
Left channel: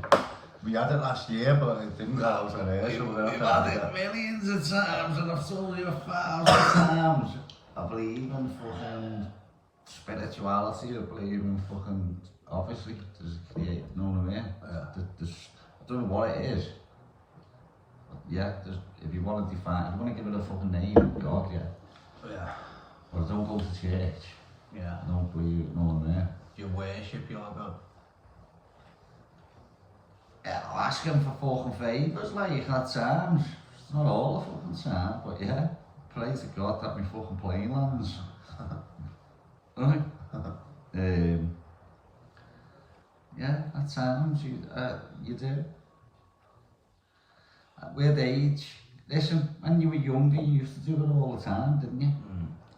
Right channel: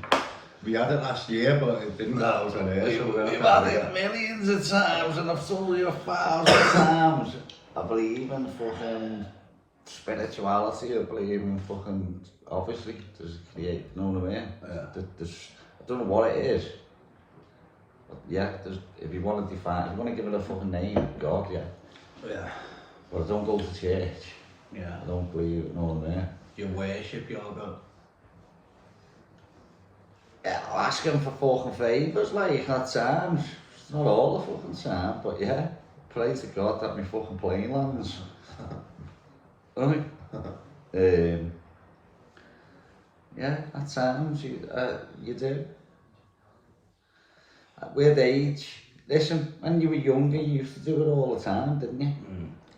We had it last year, but it didn't go out on air, so We've had it millions of times, and I've told you 1,000 times. I believe in fucking spirituality. I believe in fucking, obviously, there's a creator, you know what I mean? I don't know what it is. But yeah, if you want to define, if you want to give it a fucking name, God, yeah. Yeah. But I don't go to church. Yeah. I don't believe, you know what I mean? You worship your God. Yeah, I'll ask him for fucking favours, like, at times. It's not all the fucking time, but yeah. Pray to God that my fucking plane lands. Right? Yeah, at times you do. With age, listen, when you were younger, you used to do it all the time, didn't you?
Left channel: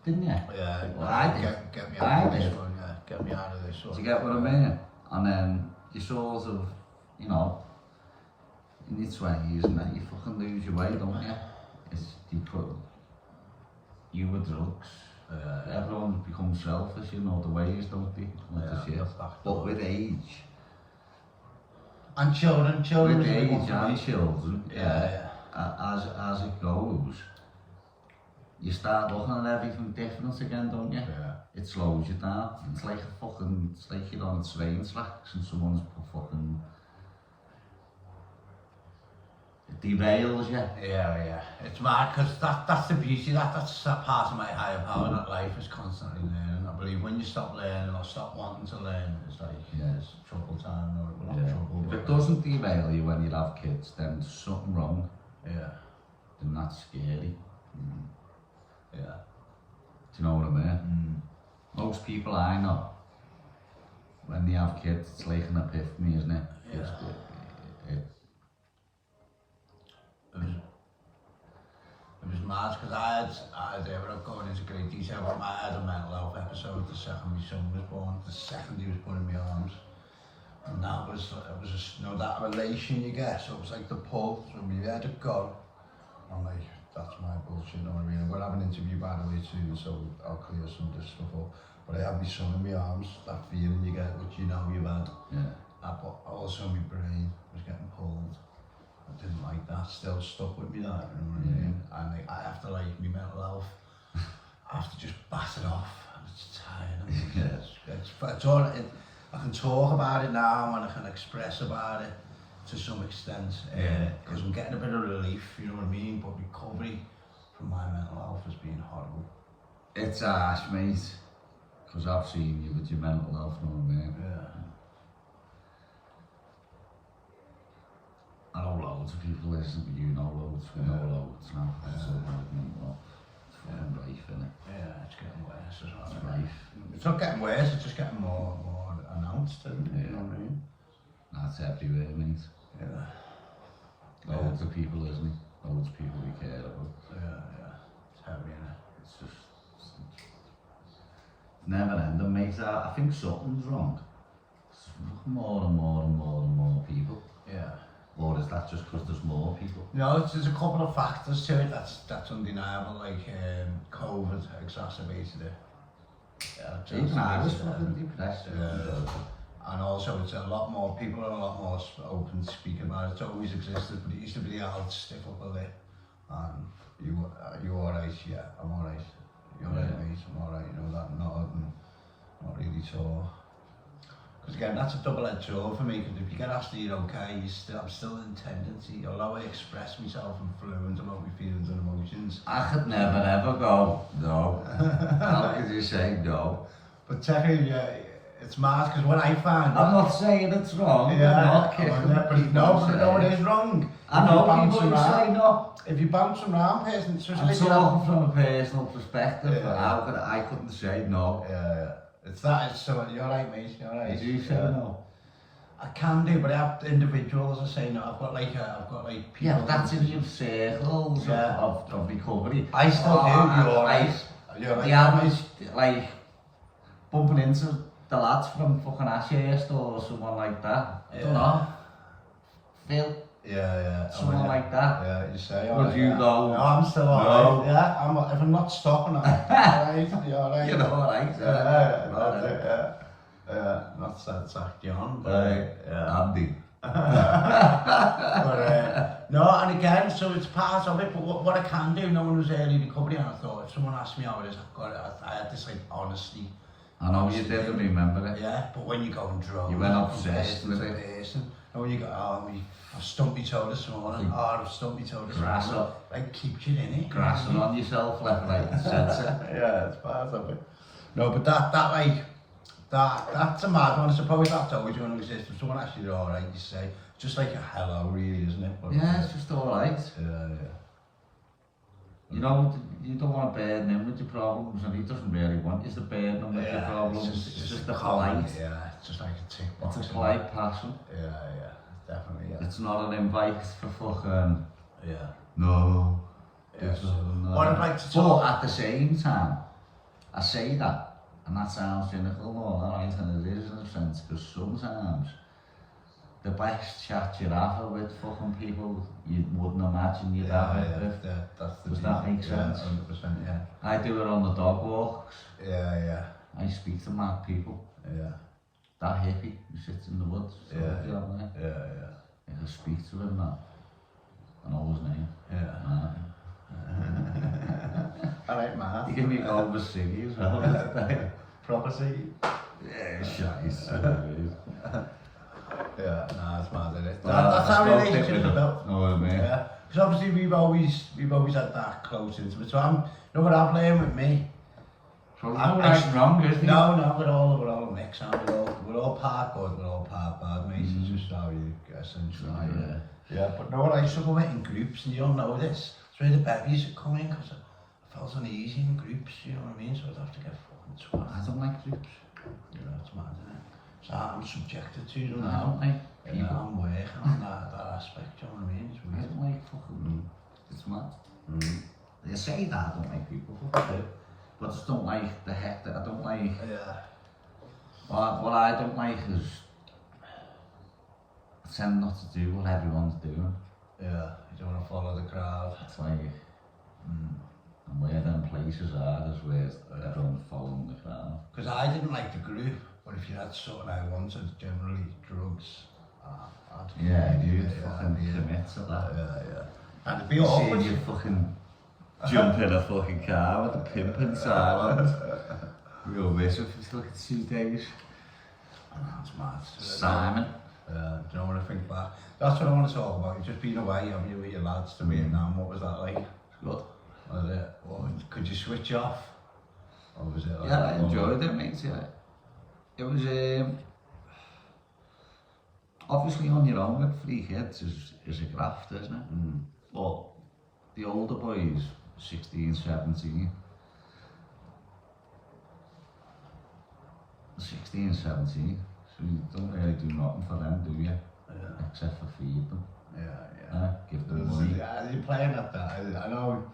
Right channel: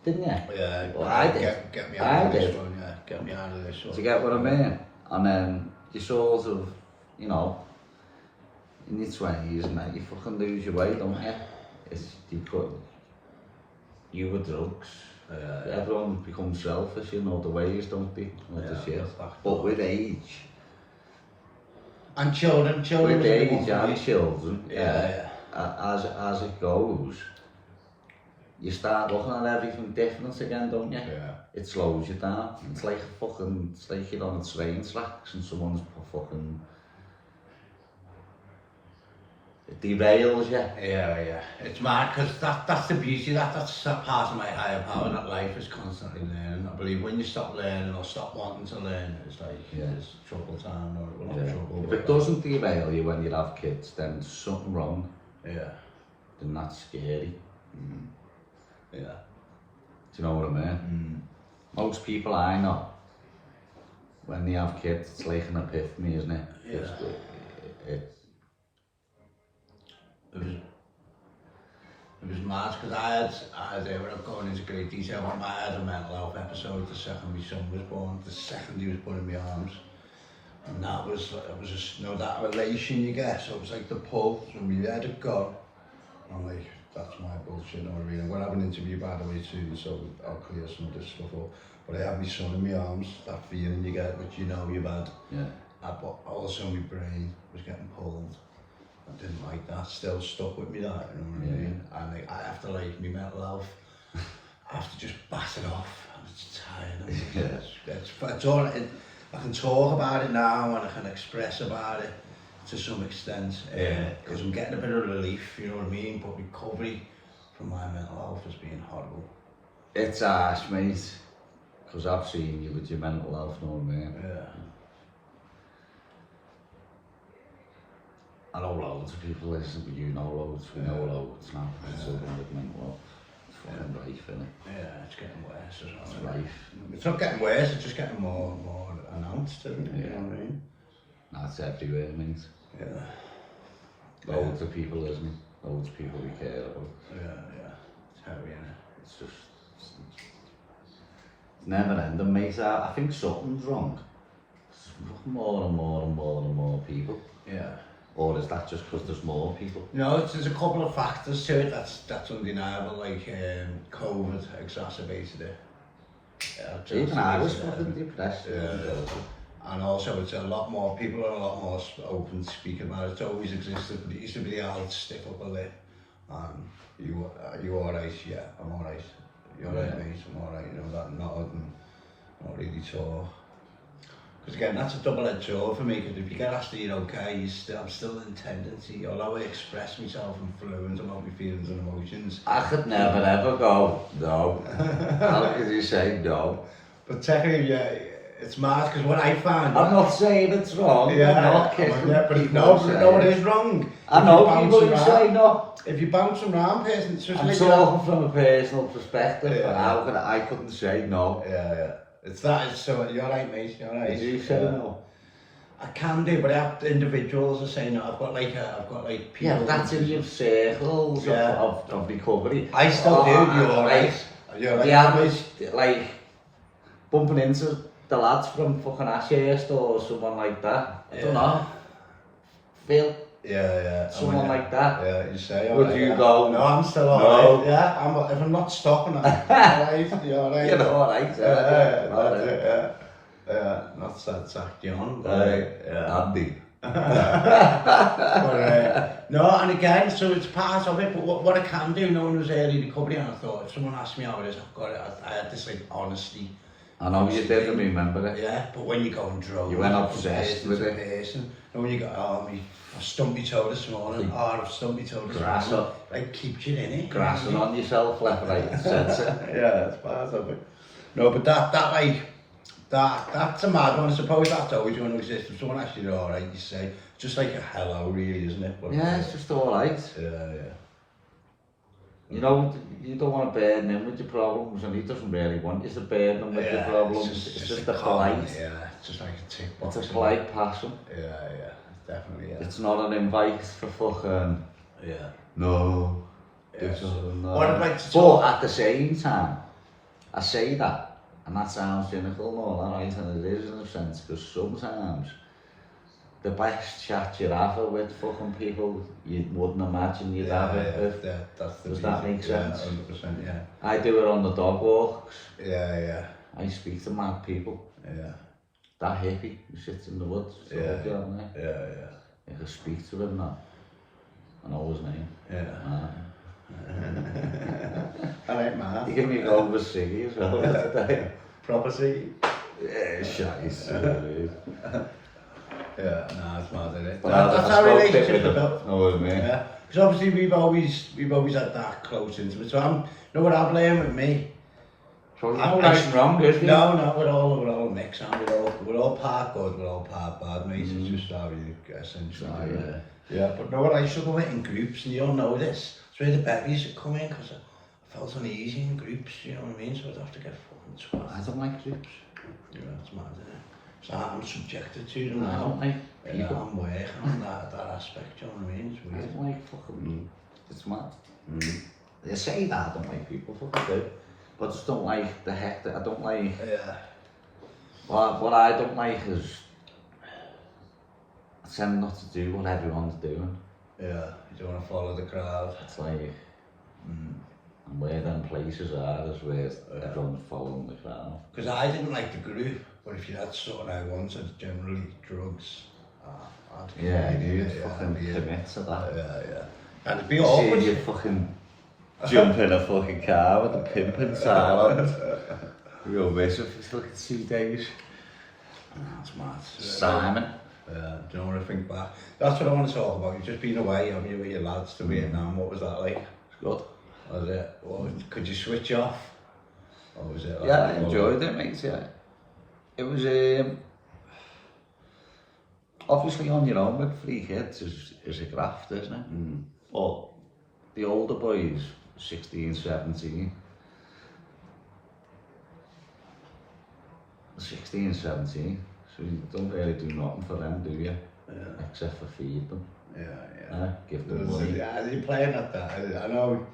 Didn't you? Yeah, well, I did. Get me out of this one, yeah. Get me out of this one. Do you get what I mean? And then you sort of, you know, in your 20s and then you fucking lose your way, don't you? It's you with drugs. Everyone becomes selfish, you know, the ways, don't they? Like the shit. But with age. And children. With age and children, as it goes, you start looking at everything different again, don't you? Yeah. It slows you down. It's like you're on a train tracks and someone's fucking... It derails you. Yeah. It's mad, because that's the beauty, that's part of my higher power, that life is constantly learning. I believe when you stop learning or stop wanting to learn, it's like, it's trouble time, or not trouble. If it doesn't derail you when you have kids, then there's something wrong. Yeah. Then that's scary. Yeah. Do you know what I mean? Most people I know, when they have kids, it's like an epiphany, isn't it? Yeah. It was mad, because I had without going into great detail, but I had a mental health episode the second my son was born, the second he was put in my arms. And that was just, you know, that relation you get, so it was like the pull, so we had it gone. I'm like, that's my bullshit, you know what I mean? I'm going to have an interview, by the way, soon, so I'll clear some of this stuff up. But I had my son in my arms, that feeling you get, which you know you've had. Yeah. But also my brain was getting pulled. I didn't like that, still stuck with me that, you know what I mean? And like, I have to, like, my mental health, I have to just bat it off, and it's tired. It's all, I can talk about it now, and I can express about it to some extent, because I'm getting a bit of relief, you know what I mean? But recovery from my mental health has been horrible. It's harsh, mate, because I've seen you with your mental health, you know what I mean? Yeah. I know loads of people listen, but you know loads, we know loads now. It's all with mental health. It's fucking rife, innit? Yeah, it's getting worse as well. It's rife. It's not getting worse, it's just getting more announced, isn't it? You know what I mean? That's everywhere, mate. Yeah. Loads of people listening, loads of people we care about. Yeah. It's heavy, innit? It's just... It's never ending, mate. I think something's wrong. It's more and more people. Yeah. Or is that just because there's more people? No, there's a couple of factors to it that's undeniable, like COVID exacerbated it. Even I was fucking depressed. And also it's a lot more, people are a lot more open to speak about it. It's always existed, but it used to be the old stiff upper lip. And you alright? Yeah, I'm alright. You're alright, mate, I'm alright. You know, that nod and not really talk. Because again, that's a double-edged sword for me, because if you get asked, you know, okay, I'm still in tendency, although I express myself in fluent about my feelings and emotions. I could never ever go, no. How could you say no? But technically, yeah, it's mad, because what I found... I'm not saying it's wrong, yeah, I'm not kidding. But no, it is wrong. I know people who say no. If you bounce around person, it's just I'm like... talking from a personal perspective, I couldn't say no. Yeah. So you're right, mate, you're right. Did you say no? I can do, but I have individuals are saying I've got like people. Yeah, but that's in your circles Yeah. of recovery. I still do. You're like, right. You're right. the average, like, bumping into the lads from fucking Ashurst or someone like that. I don't know. Phil, Yeah. someone like that. Yeah, you say. Would alright, you yeah. go? No, I'm still No. alright. Yeah, if I'm not stopping, I'm alright. You're alright. You're alright. Yeah, not sad sack John, but Andy. no, and again, so it's part of it. But what I can do, knowing it was early recovery, and I thought if someone asked me how it is, I've got it. I had this like honesty. I know you didn't remember it. Yeah, but when you go and drove, You went obsessed with it. Person, and when you go, I've stumped my toe this morning. I've stumped my toe this Grass morning. up. Like keeps you in it. Grassing on yourself, left, right, and centre. Yeah, it's part of it. No, but that's a mad one. I suppose that's always going to exist. If someone asks you, alright, you say, just like a hello, really, isn't it? But, Yeah, it's just alright. Yeah. You know, you don't want to burden him with your problems, and he doesn't really want you to burden him with your problems. It's just a polite. Yeah, it's just like a tick box. It's a polite passion. Yeah, definitely. Yeah. It's not an invite for fucking. Yeah. No. Yeah, So, no. what I'd like to But talk. at the same time, I say that, and that sounds cynical and all that, right, and it is in a sense, because sometimes the best chat you'd have are with fucking people you wouldn't imagine you'd have it with. That's the Does that make sense? 100%, yeah. I do it on the dog walks. Yeah. I speak to mad people. Yeah. That hippie who sits in the woods. Yeah. Yeah. I can speak to him now. I know his name. Yeah. I like math. You give me a go with Siggy as well today. Proper Siggy. Yeah, shite. Yeah, nah, it's mad, isn't it? Well, That's I how spoke relationships with are him. built. Know what I mean? Yeah, because obviously we've always had that close into it. So you know what I've learned with me? So you know right and wrong, isn't it? No, we're all a mix, and we're all part good, we're all part bad, mate. It's just how you essentially do it. Yeah, but know what I struggle with in groups, and you all know this. It's where the bevies would come in, because I felt uneasy in groups, you know what I mean? So I'd have to get fucking twat. I don't like groups. You know, it's mad, isn't it? So I'm subjected to them I now. don't like Yeah, people. I'm working on that aspect, you know what I mean? It's I weird. don't like fucking. It's mad. They say that I don't like people, fuck I do. But I just don't like the hectic. I don't like. Yeah. What I don't like is tend not to do what everyone's doing. Yeah, you don't want to follow the crowd. It's like, and where them places are is where everyone's following the crowd. Because I didn't like the group, but if you had something I wanted, generally drugs, I'd Yeah, commit, you fucking commit to that. Yeah. And it'd be See awkward. you fucking jump in a fucking car with a pimp in Thailand. Real miss if you fucking 2 days. That's mad. Simon. Do you know what I think back? That's what I want to talk about. You've just been away, haven't you, with your lads to Vietnam. What was that like? Good. Was it? Could you switch off? Or was it like, Yeah, I enjoyed it, mate. Yeah. It was obviously on your own with 3 kids is a graft, isn't it? But the older boys, 16, 17, 16, 17, so you don't really do nothing for them, do you? Yeah. Except for feed them. Yeah. Give them money. Yeah, you're playing at that. I know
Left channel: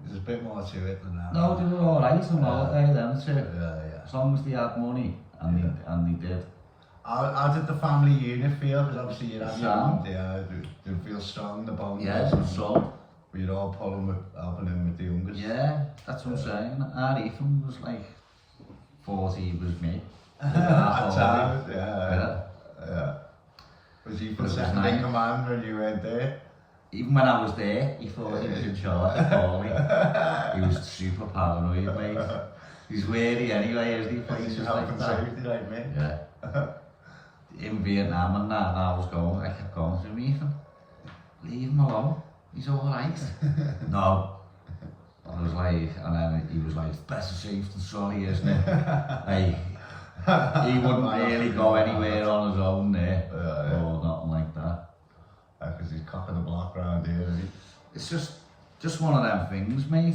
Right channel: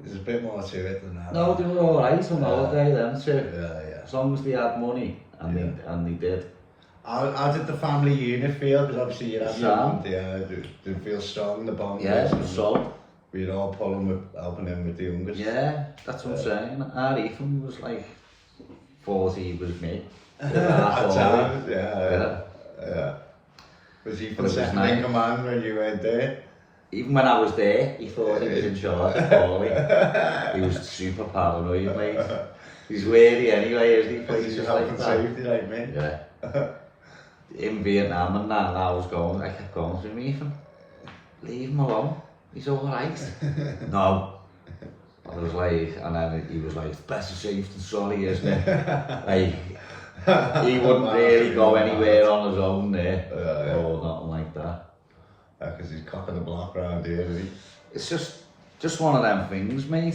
there's a bit more to it than that. No, they were alright on holiday then too. Yeah. As long as they had money, and they did. How did the family unit feel? Because obviously you had Strong. did it feel strong, the bond? Yeah, it was solid. We were all helping him with the youngest. Yeah, that's what I'm saying. Our Ethan was like 40, he was me. At times, yeah. Was he But it for was second nice. in command when you went there? Even when I was there, he thought he was in charge of Paulie. He was super paranoid, mate. He's wary anyway, isn't he? Places Health like and that. safety, like me. Yeah. In Vietnam and that, I kept going to him, Ethan, leave him alone. He's alright. No. I was like, and then he was like, it's better safe than sorry, isn't it? Like, he wouldn't really go anywhere on his own there, or nothing like that. Because he's cocking the block round here, isn't he? It's just one of them things, mate.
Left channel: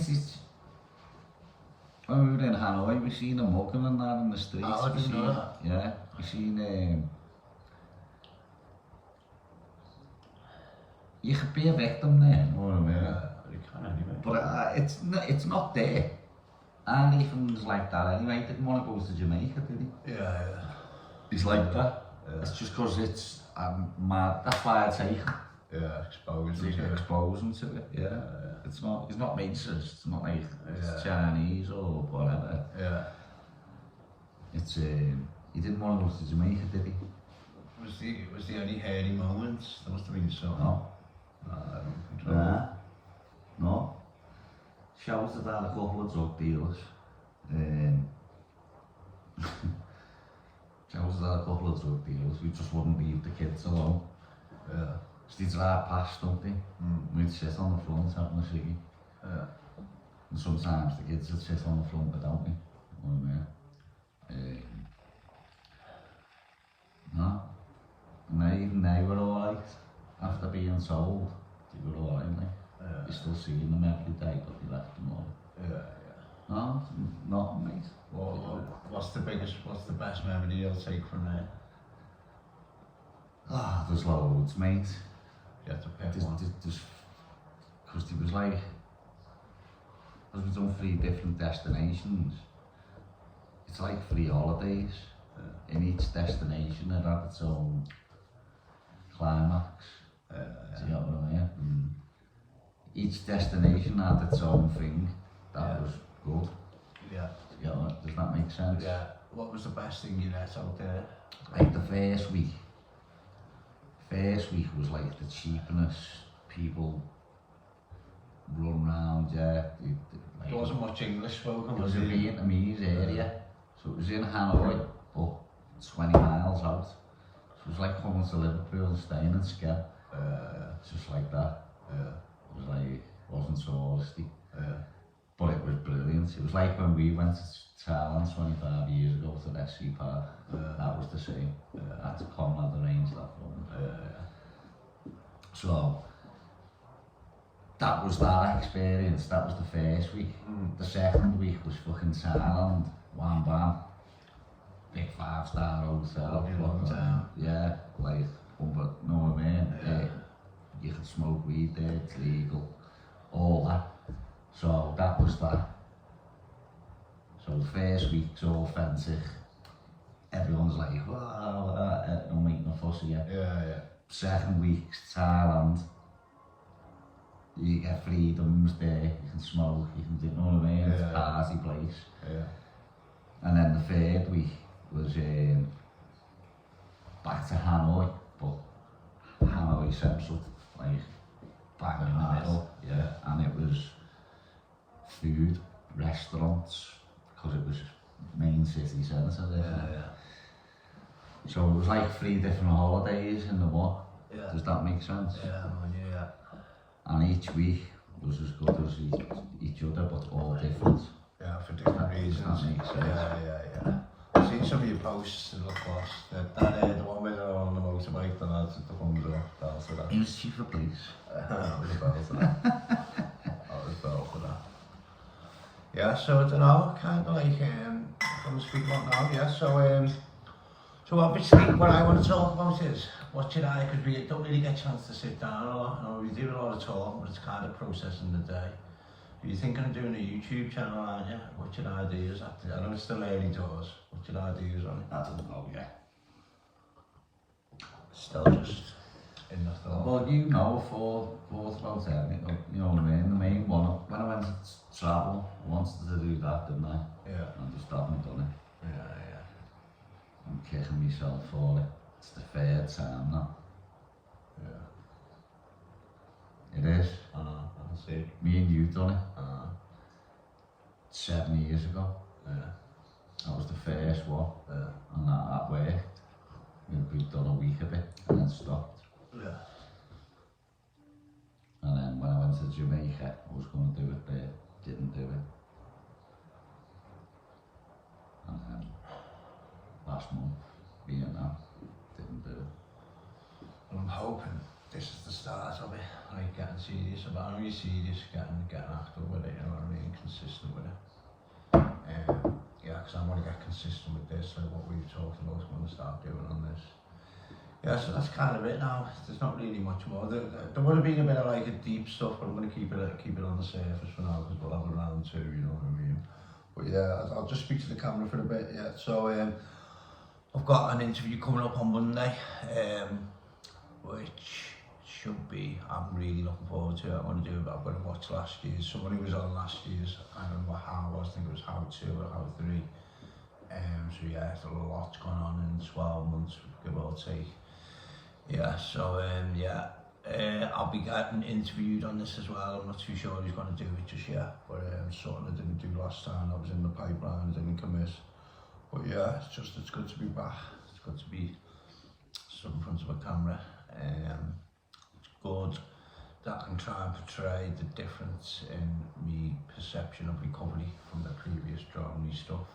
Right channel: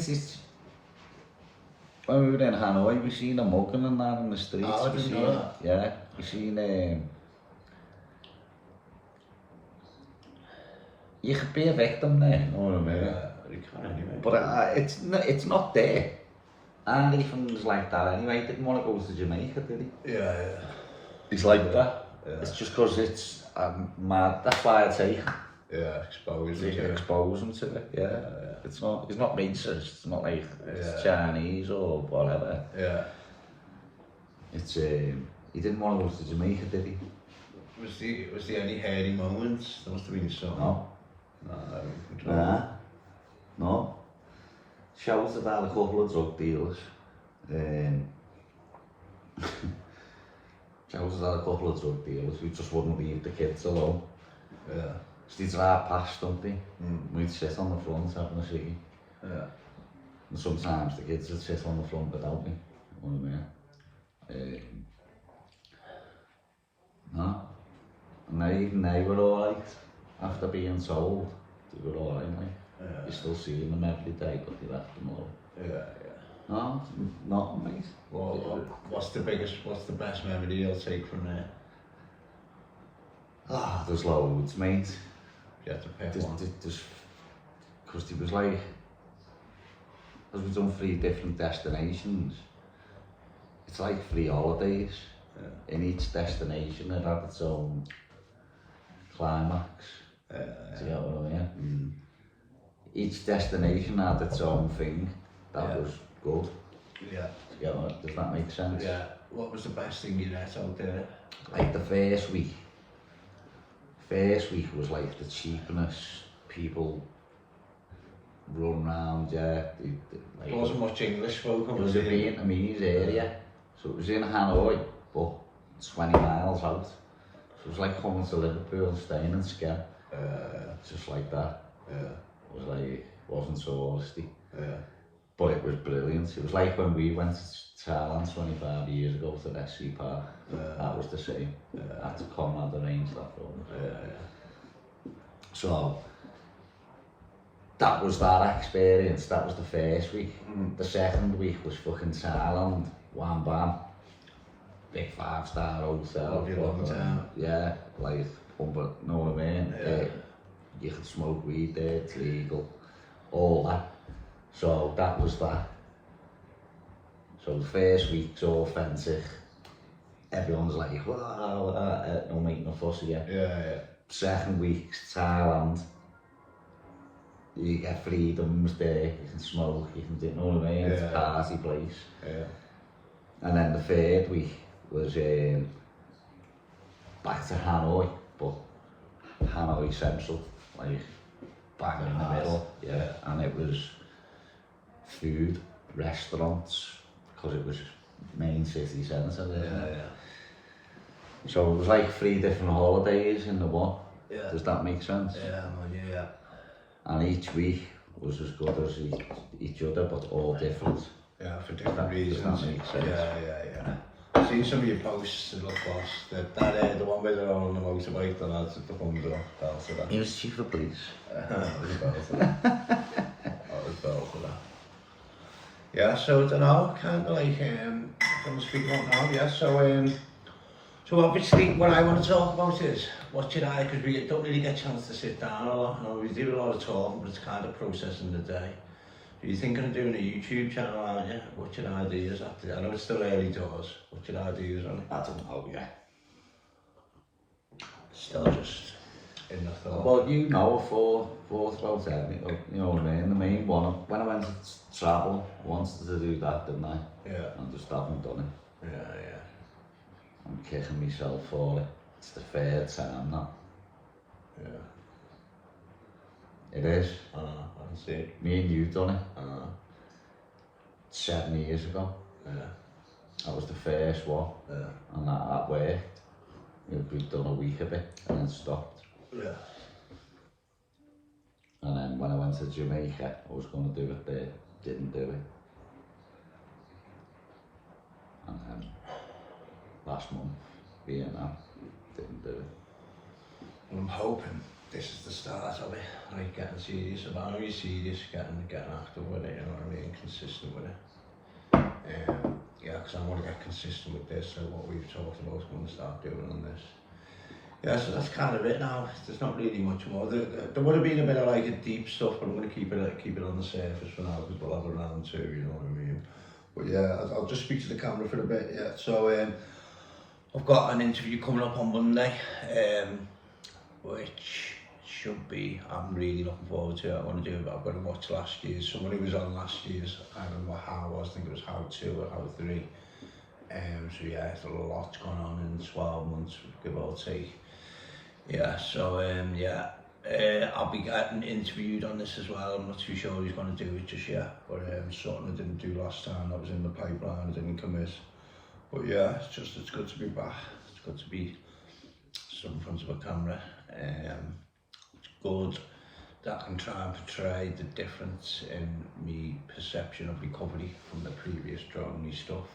When we were in Hanoi, we seen a mugging and that in the streets. Oh, I didn't know that. Yeah, we seen you could be a victim there, you know what I mean? You can anyway. But it's not there. And Ethan's like that anyway, he didn't want to go to Jamaica, did he? Yeah. He's like that. Yeah. It's just because it's mad, that's why I take him. Yeah, expose You him. can expose him to it, yeah. It's not, he's not racist, it's not like it's Chinese or whatever. Yeah. It's, he didn't want to go to Jamaica, did he? Was there any hairy moments? There must have been some. No. No, I don't control. No. Shouts about a couple of drug dealers. Shouts about a couple of drug dealers who just wouldn't leave the kids alone. Yeah. So they drive past, don't they? We'd sit on the front having a ciggy. Yeah. And sometimes the kids would sit on the front without me. You know what I mean? No. And even they were alright. After being told, they were alright, like. Yeah. You're still seeing them every day, but they left them alone. Yeah. No, not mate. Well, what's the best memory you'll take from there? Ah, there's loads, mate. You have to pick one. Because there was like, as we've done 3 different destinations, it's like 3 holidays. Yeah. In each destination it had its own climax. Do you know what I mean? Each destination had its own thing that was good. Yeah. Do you know, does that make sense? Yeah. What was the best thing you ate out there? Like the first week was like the cheapness, people run around, yeah. Like, There wasn't much English spoken. It was a Vietnamese area, so it was in Hanoi, but 20 miles out. So it was like coming to Liverpool and staying in Skem. Just like that. It was like, it wasn't so honesty. But it was brilliant. It was like when we went to Thailand 25 years ago to the SC Park. That was the same. I had to come and arrange that for us. So, that was that experience. That was the first week. The second week was fucking Thailand. Wham bam. Big 5-star hotel. Yeah, like, you know what I mean? You can smoke weed there, it's legal. All that. So that was that. So the first week's all authentic. Everyone's like, wow, no making a fuss of you. Second week's Thailand. You get freedoms there, you can smoke, you can do, you know what I mean? It's a party place. And then the third week was back to Hanoi, but Hanoi Central, like bang in the middle. And it was food, restaurants, because it was main city centre there. So it was like 3 different holidays in the one. Does that make sense? And each week was as good as each other, but all different. For different reasons. Does that make sense? I've seen some of your posts to look boss. The one where they're all on the motorbike, the lads at the front door. He was chief of police. That was a bell for that. That was bell for that. Yeah, so I don't know, kind of like, I'm going to speak about now, so obviously what I want to talk about is, what should I, because we don't really get a chance to sit down a lot, we do a lot of talking, but it's kind of processing the day. You're thinking of doing a YouTube channel, aren't you? What's your ideas after that? I know it's still early doors, what's your ideas on it? I don't know, Still just in the thought. Well, you know, for about everything, you know what I mean? The main one, when I went to travel, I wanted to do that, didn't I? I just haven't done it. I'm kicking myself for it. It's the 3rd time now. It is. I can see it. Me and you done it. 7 years ago. That was the first one. And that worked. We'd done a week of it and then stopped. And then when I went to Jamaica, I was going to do it there, didn't do it. And then last month, Vietnam, didn't do it. I'm hoping this is the start of it, like getting serious about it, serious, getting active with it, you know what I mean, consistent with it. Because I want to get consistent with this, so what we've talked about is going to start doing on this. Yeah, so that's kind of it now. There's not really much more. There would have been a bit of like a deep stuff, but I'm going to keep it on the surface for now because we'll have a round two, you know what I mean? But yeah, I'll just speak to the camera for a bit, yeah. So I've got an interview coming up on Monday, which should be, I'm really looking forward to it. I've got to watch last year's. Someone who was on last year's, I don't know how it was, I think it was how 2 or how 3. So yeah, there's a lot going on in 12 months, give or take. Yeah, so I'll be getting interviewed on this as well. I'm not too sure who's going to do it just yet, but something I didn't do last time, that was in the pipeline, I didn't commit. But yeah, it's good to be back. It's good to be stood in front of a camera. It's good that I can try and portray the difference in me perception of recovery from the previous drug and me stuff.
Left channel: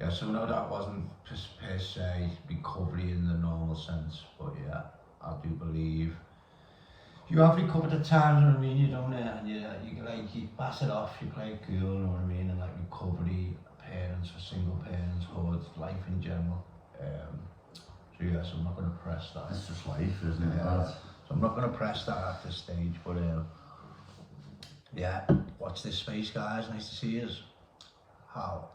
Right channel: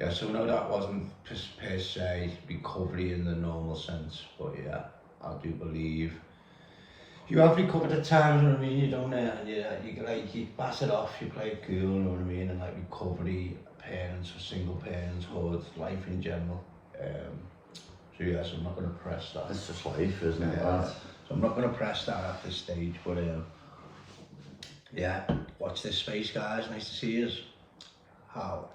Yeah, so no, that wasn't per se recovery in the normal sense, but yeah, I do believe you have recovered at times, you know what I mean? You don't, and you pass it off, you play it cool, you know what I mean? And like recovery, parents, single parents, hood, life in general. So yeah, so I'm not going to press that. It's just life, isn't it? Yeah, so I'm not going to press that at this stage, but yeah, watch this space, guys. Nice to see you. How?